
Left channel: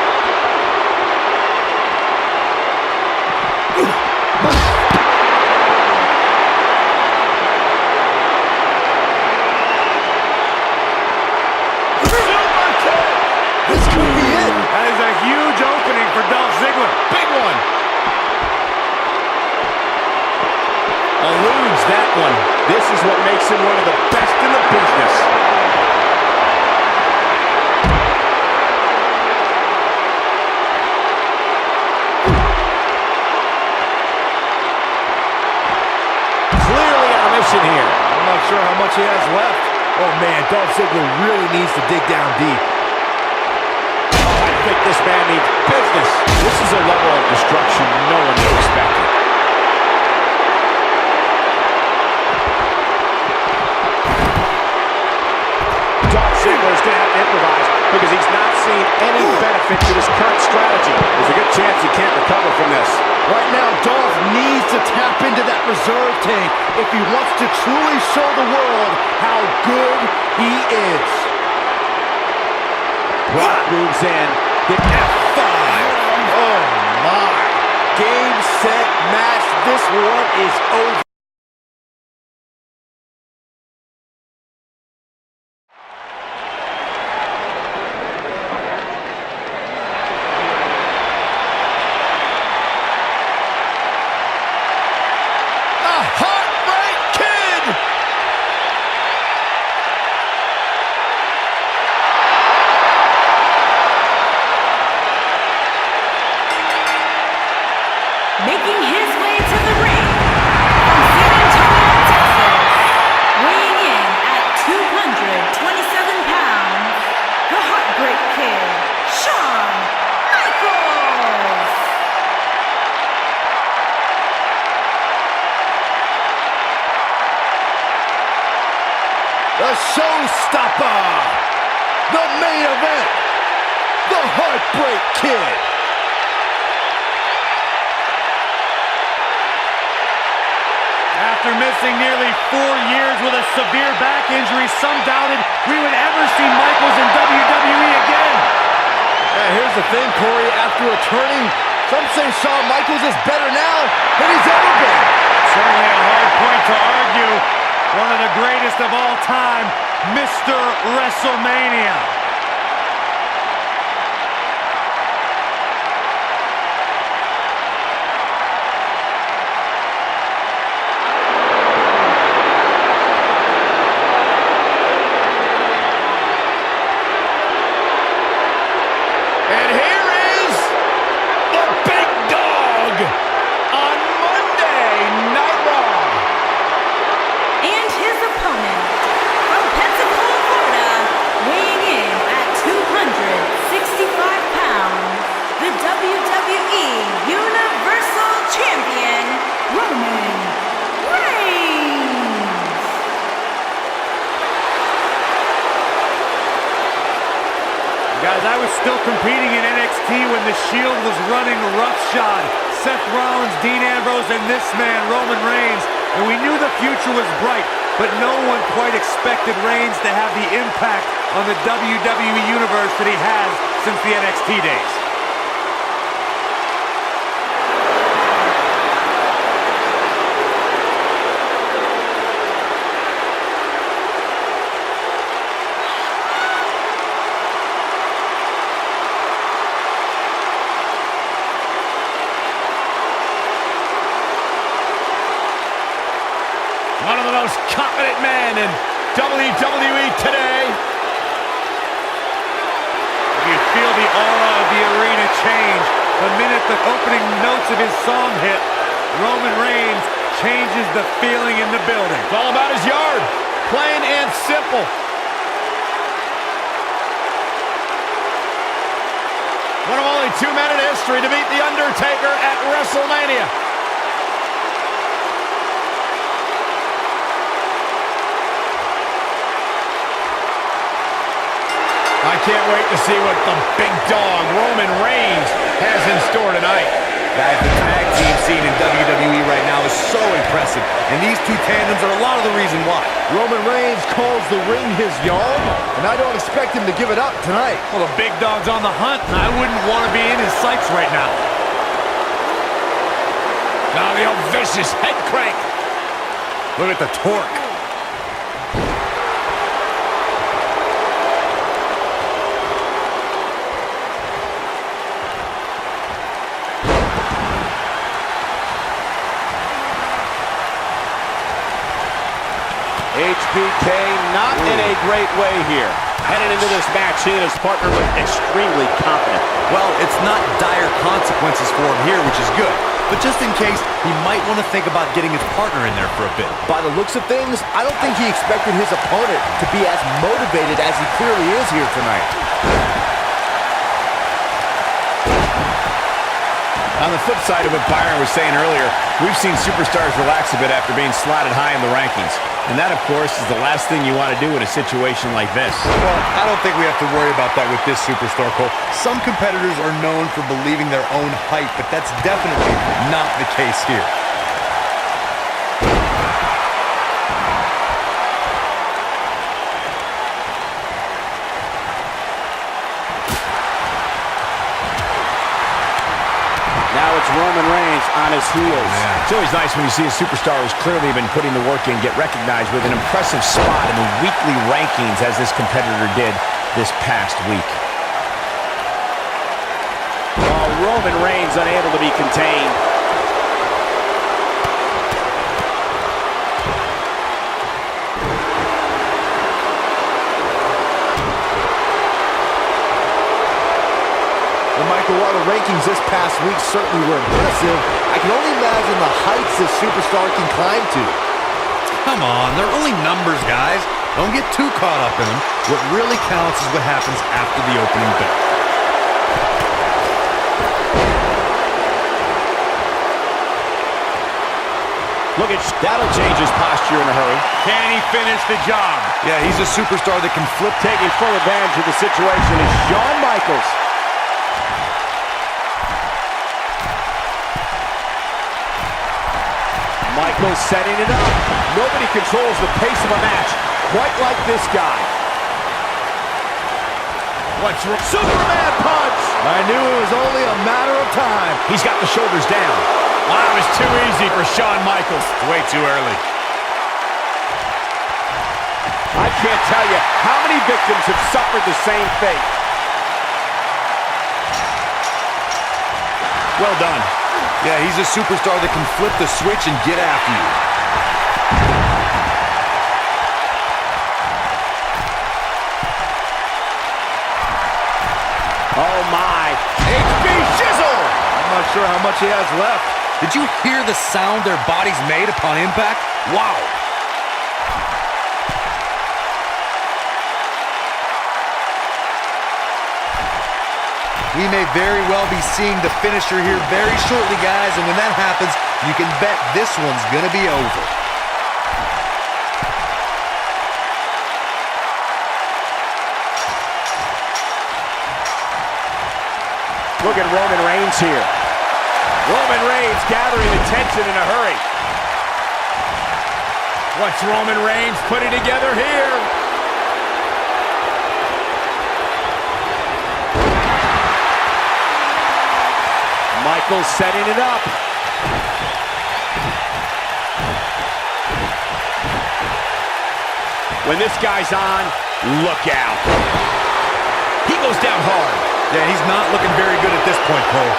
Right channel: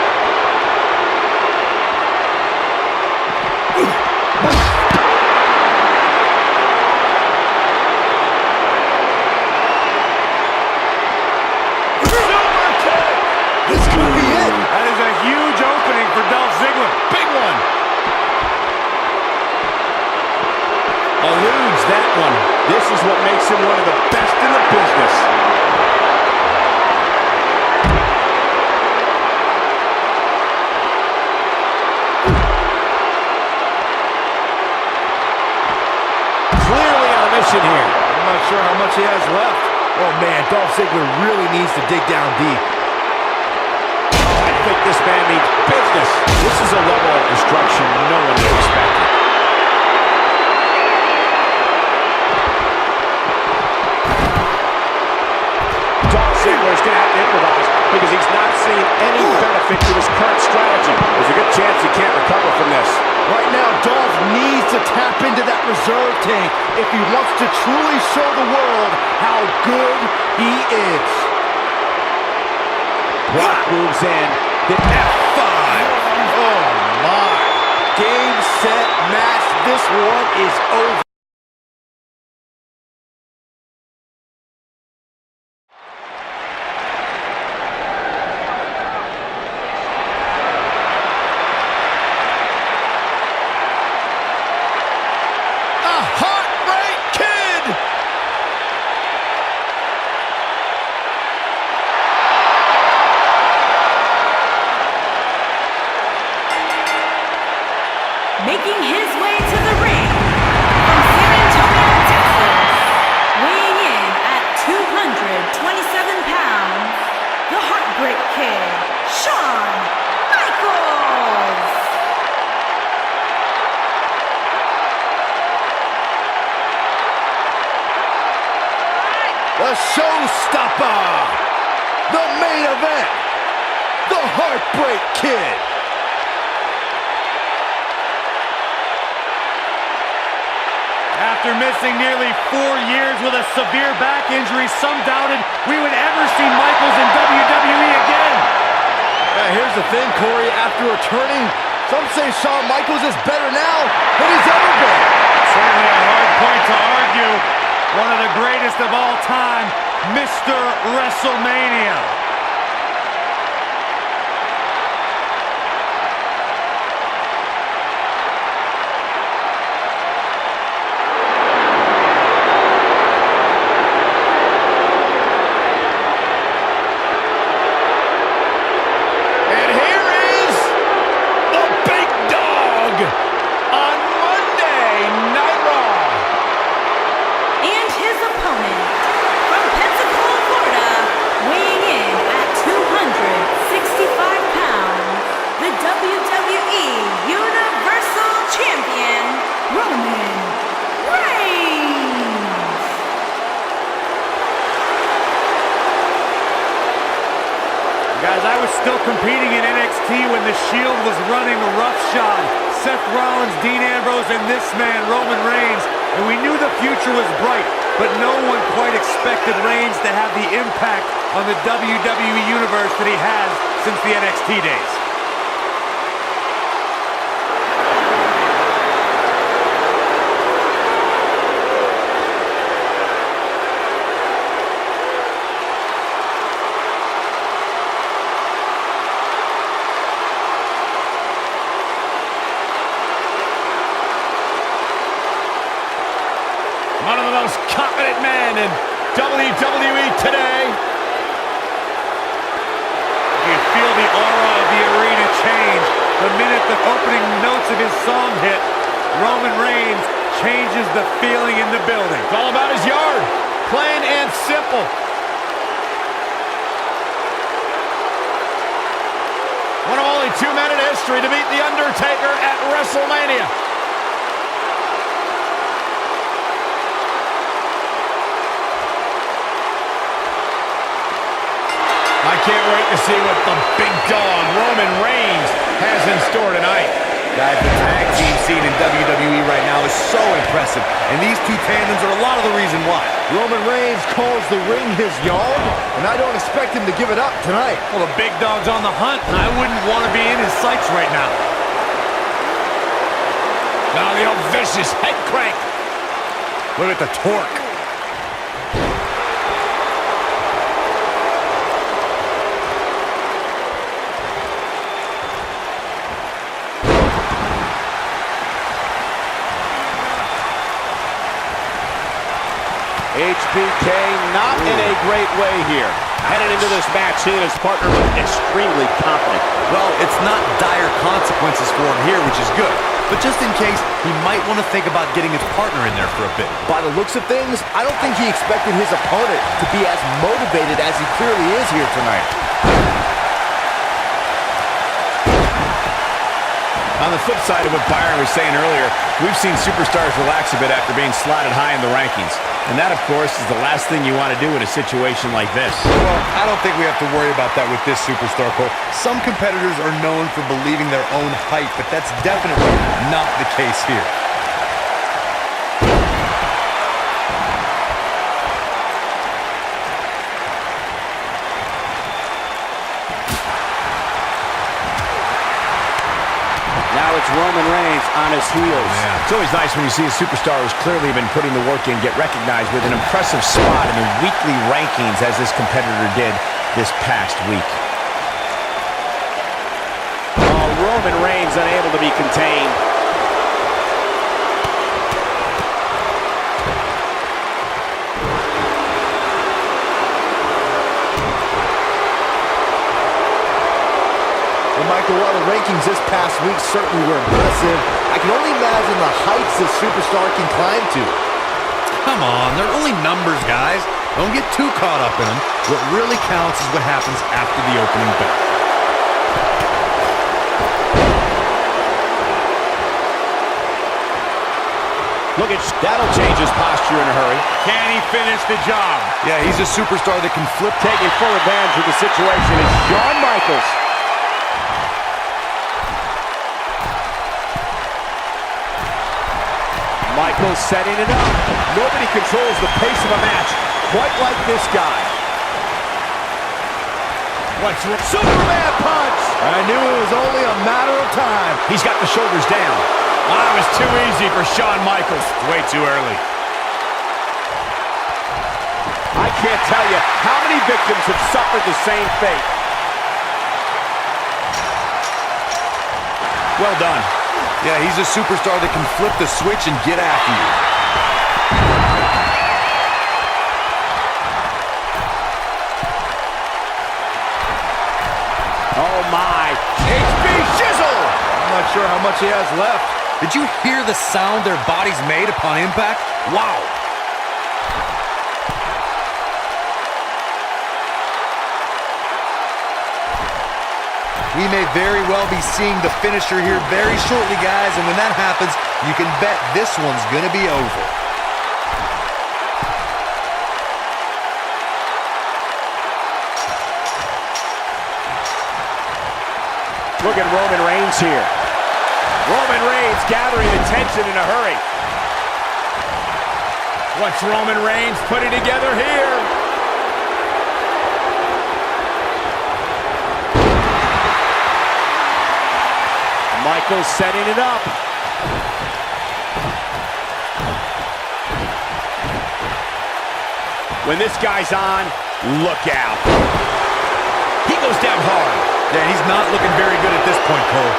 This could be it. That is a huge opening for Dolph Ziggler. Big one. Eludes that one. This is what makes him one of the best in the business. Clearly on a mission here. I'm not sure how much he has left. Oh man, Dolph Ziggler really needs to dig down deep. I think this man means business. This is a level of destruction no one would expect. Dolph Ziggler is going to have to improvise because he's not seen any benefit to his current strategy. There's a good chance he can't recover from this. Right now, Dolph needs to tap into that reserve tank if he wants to truly show the world how good he is. Brock moves in. The F5. Oh my. Game, set, match. This one is over. Making his way to the ring from San Antonio, Texas, weighing in at 227 pounds, the Heartbreak Kid, Shawn Michaels. The showstopper, the main event, the Heartbreak Kid. After missing nearly 4 years with a severe back injury, some doubted we would ever see Michaels in WWE again. Yeah, here's the thing, Corey. After returning, some say Shawn Michaels is better now than he's ever been. Certainly a hard point to argue. One of the greatest of all time, Mr. WrestleMania. And here is the big dog on Monday Night Raw. And his opponent, from Pensacola, Florida, weighing in at 265 pounds, the WWE Universal Champion, Roman Reigns. Guys, I was still competing in NXT when The Shield was running roughshod. Seth Rollins, Dean Ambrose, and this man, Roman Reigns. And we knew the future was bright, but no one quite expected Reigns to have the impact on the WWE Universe that he has since the NXT days. confident man in WWE today. You feel the aura of the arena change the minute the opening notes of his song hit. Roman Reigns changes the feeling in the building. It's all about his yard. Plain and simple. One of only 2 men in history to beat The Undertaker at WrestleMania. I can't wait to see what the big dog, Roman Reigns, has in store tonight. Guys, the tag team scene in WWE right now is so impressive, and these two tandems are a lot of the reason why. Roman Reigns calls the ring his yard, and I don't expect him to give it up tonight. Well, the big dog's on the hunt, and I wouldn't want to be in his sights right now. Now the old vicious head crank. Look at the torque. HBK not in a great way here. Headed into this match, seeing his partner look extremely confident. Well, it's not dire consequences for him here, which is good. But just in case, he might want to think about getting his partner in there for a bit. By the looks of things, I don't think he expected his opponent to be as motivated as he clearly is here tonight. On the flip side of what Byron was saying earlier, we've seen superstars relax a bit after being slotted high in the rankings. And that, of course, is the last thing you want to do in a situation like this. Well, I don't think we have to worry about that with this superstar, Cole. Some competitors are known for believing their own hype, but that's definitely not the case here. Now it's Roman Reigns on his heels. It's always nice when you see a superstar who's clearly been putting the work in get recognized with an impressive spot in the weekly rankings as this competitor did this past week. Oh, Roman Reigns unable to be contained. Michael, while the rankings this past week certainly were impressive, I can only imagine the heights this superstar can climb to. Come on, they're only numbers, guys. Don't get too caught up in them. What really counts is what happens after the opening bell. Look at that'll change his posture in a hurry. Can he finish the job? Yeah, he's a superstar that can flip. Taking full advantage of the situation is Shawn Michaels. Michaels setting it up. Nobody controls the pace of a match quite like this guy. What's Superman punch! I knew it was only a matter of time. He's got the shoulders down. Wow, it was too easy for Shawn Michaels. It's way too early. I can't tell you how many victims have suffered the same fate. Well done. Yeah, he's a superstar that can flip the switch and get after you. Oh my. HB Shizzle! I'm not sure how much he has left. Did you hear the sound their bodies made upon impact? Wow. We may very well be seeing the finisher here very shortly, guys, and when that happens, you can bet this one's gonna be over. Look at Roman Reigns here. Roman Reigns gathering attention in a hurry. What's Roman Reigns putting together here? Michaels setting it up. When this guy's on, look out. He goes down hard. Yeah, he's not looking very good at this point, Cole.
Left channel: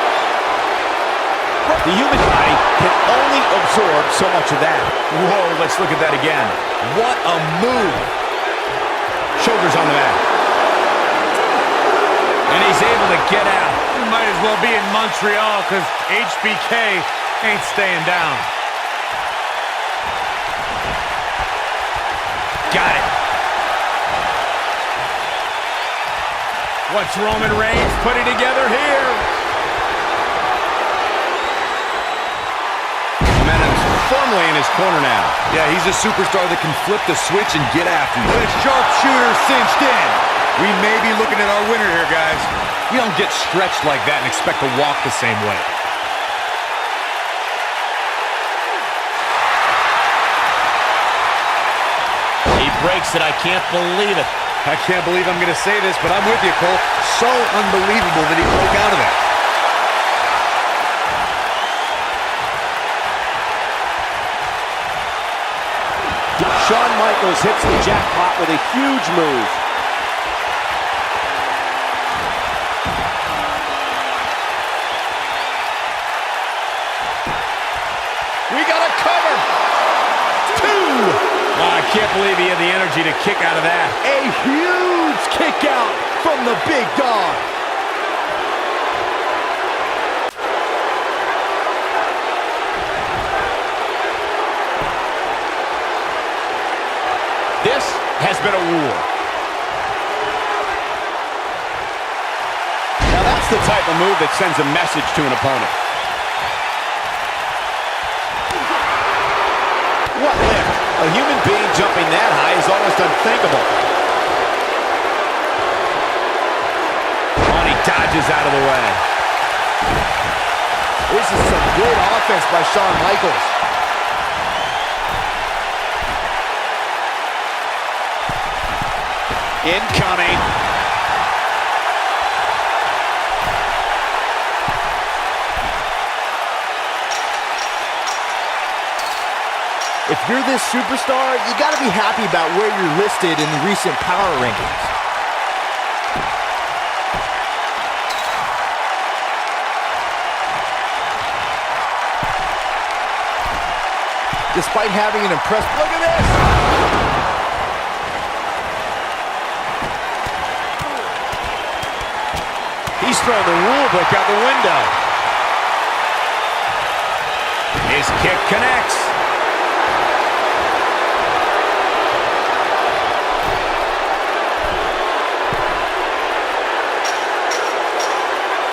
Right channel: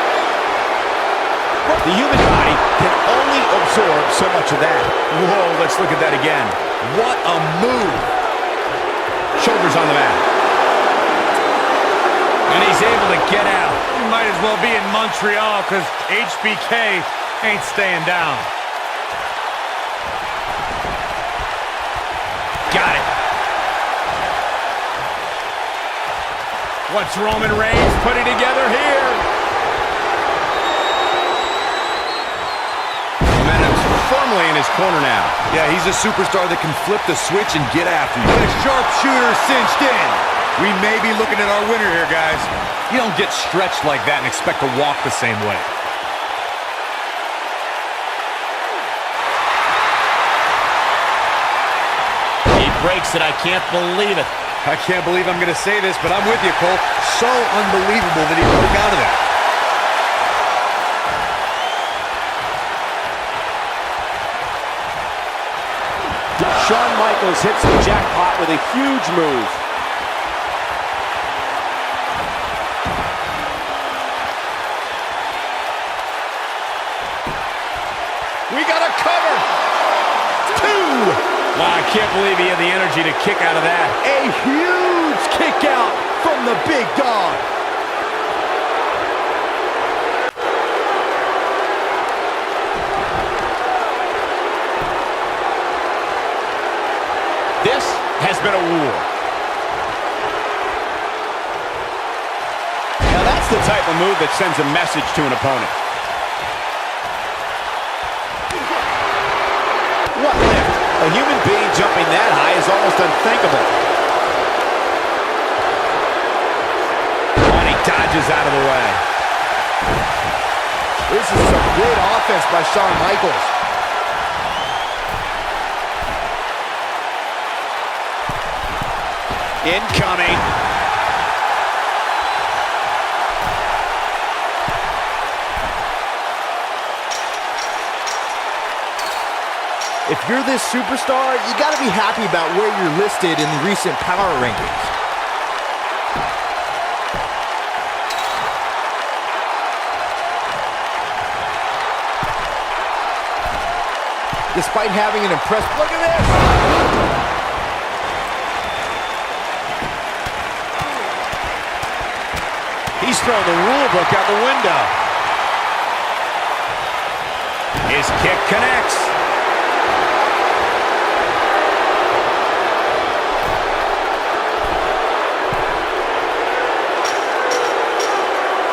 The human body can only absorb so much of that. Whoa, let's look at that again. What a move. Shoulders on the mat. And he's able to get out. You might as well be in Montreal because HBK ain't staying down. Got it. What's Roman Reigns putting together here? Momentum's firmly in his corner now. Yeah, he's a superstar that can flip the switch and get after you. The sharpshooter cinched in. We may be looking at our winner here, guys. You don't get stretched like that and expect to walk the same way. He breaks it. I can't believe it. I can't believe I'm going to say this, but I'm with you, Cole. So unbelievable that he broke out of that. Shawn Michaels hits the jackpot with a huge move. We got a cover. 2. Wow, I can't believe he had the energy to kick out of that. A huge kick out from the big dog. This has been a war. Now that's the type of move that sends a message to an opponent. What lift? A human being jumping that high is almost unthinkable. Oh, and he dodges out of the way. This is some great offense by Shawn Michaels. Incoming. If you're this superstar, you got to be happy about where you're listed in the recent power rankings. Despite having an impressive... Look at this! He's throwing the rule book out the window. His kick connects.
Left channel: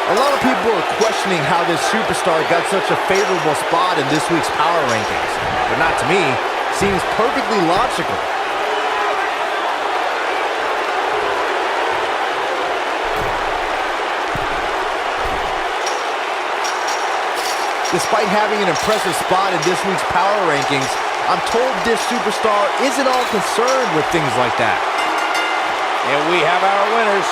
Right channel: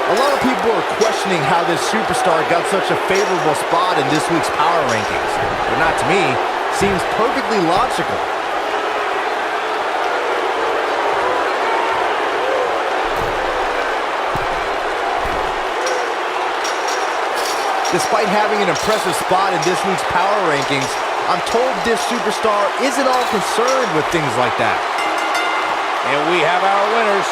A lot of people are questioning how this superstar got such a favorable spot in this week's power rankings. But not to me. Seems perfectly logical. Despite having an impressive spot in this week's power rankings, I'm told this superstar isn't all concerned with things like that. And we have our winners.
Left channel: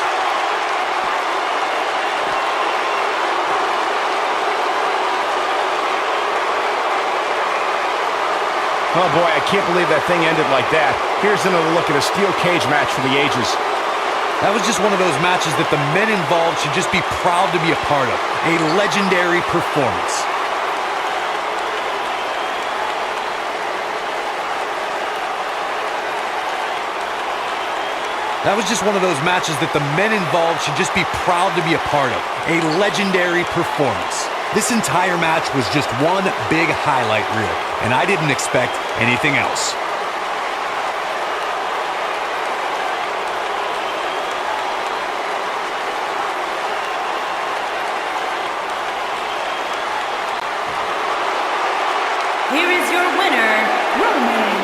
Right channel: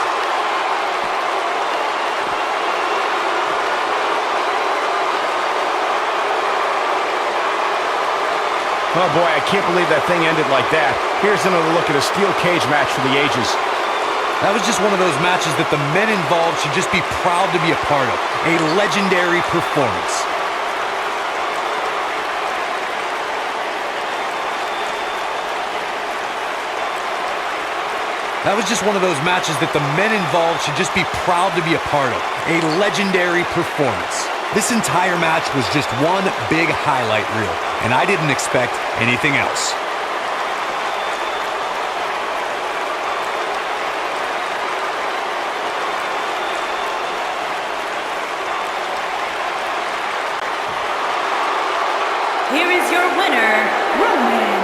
Oh boy, I can't believe that thing ended like that. Here's another look at a steel cage match for the ages. That was just one of those matches that the men involved should just be proud to be a part of. A legendary performance. That was just one of those matches that the men involved should just be proud to be a part of. A legendary performance. This entire match was just one big highlight reel, and I didn't expect anything else. Here is your winner, Roman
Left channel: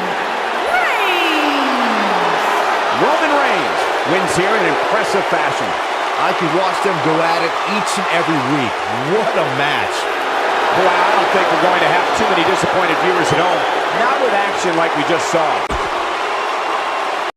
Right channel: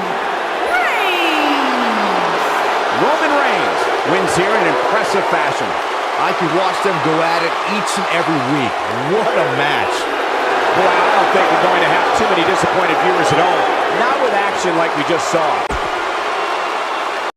Reigns. Roman Reigns wins here in impressive fashion. I could watch them go at it each and every week. What a match. Boy, I don't think we're going to have too many disappointed viewers at home. Not with action like we just saw.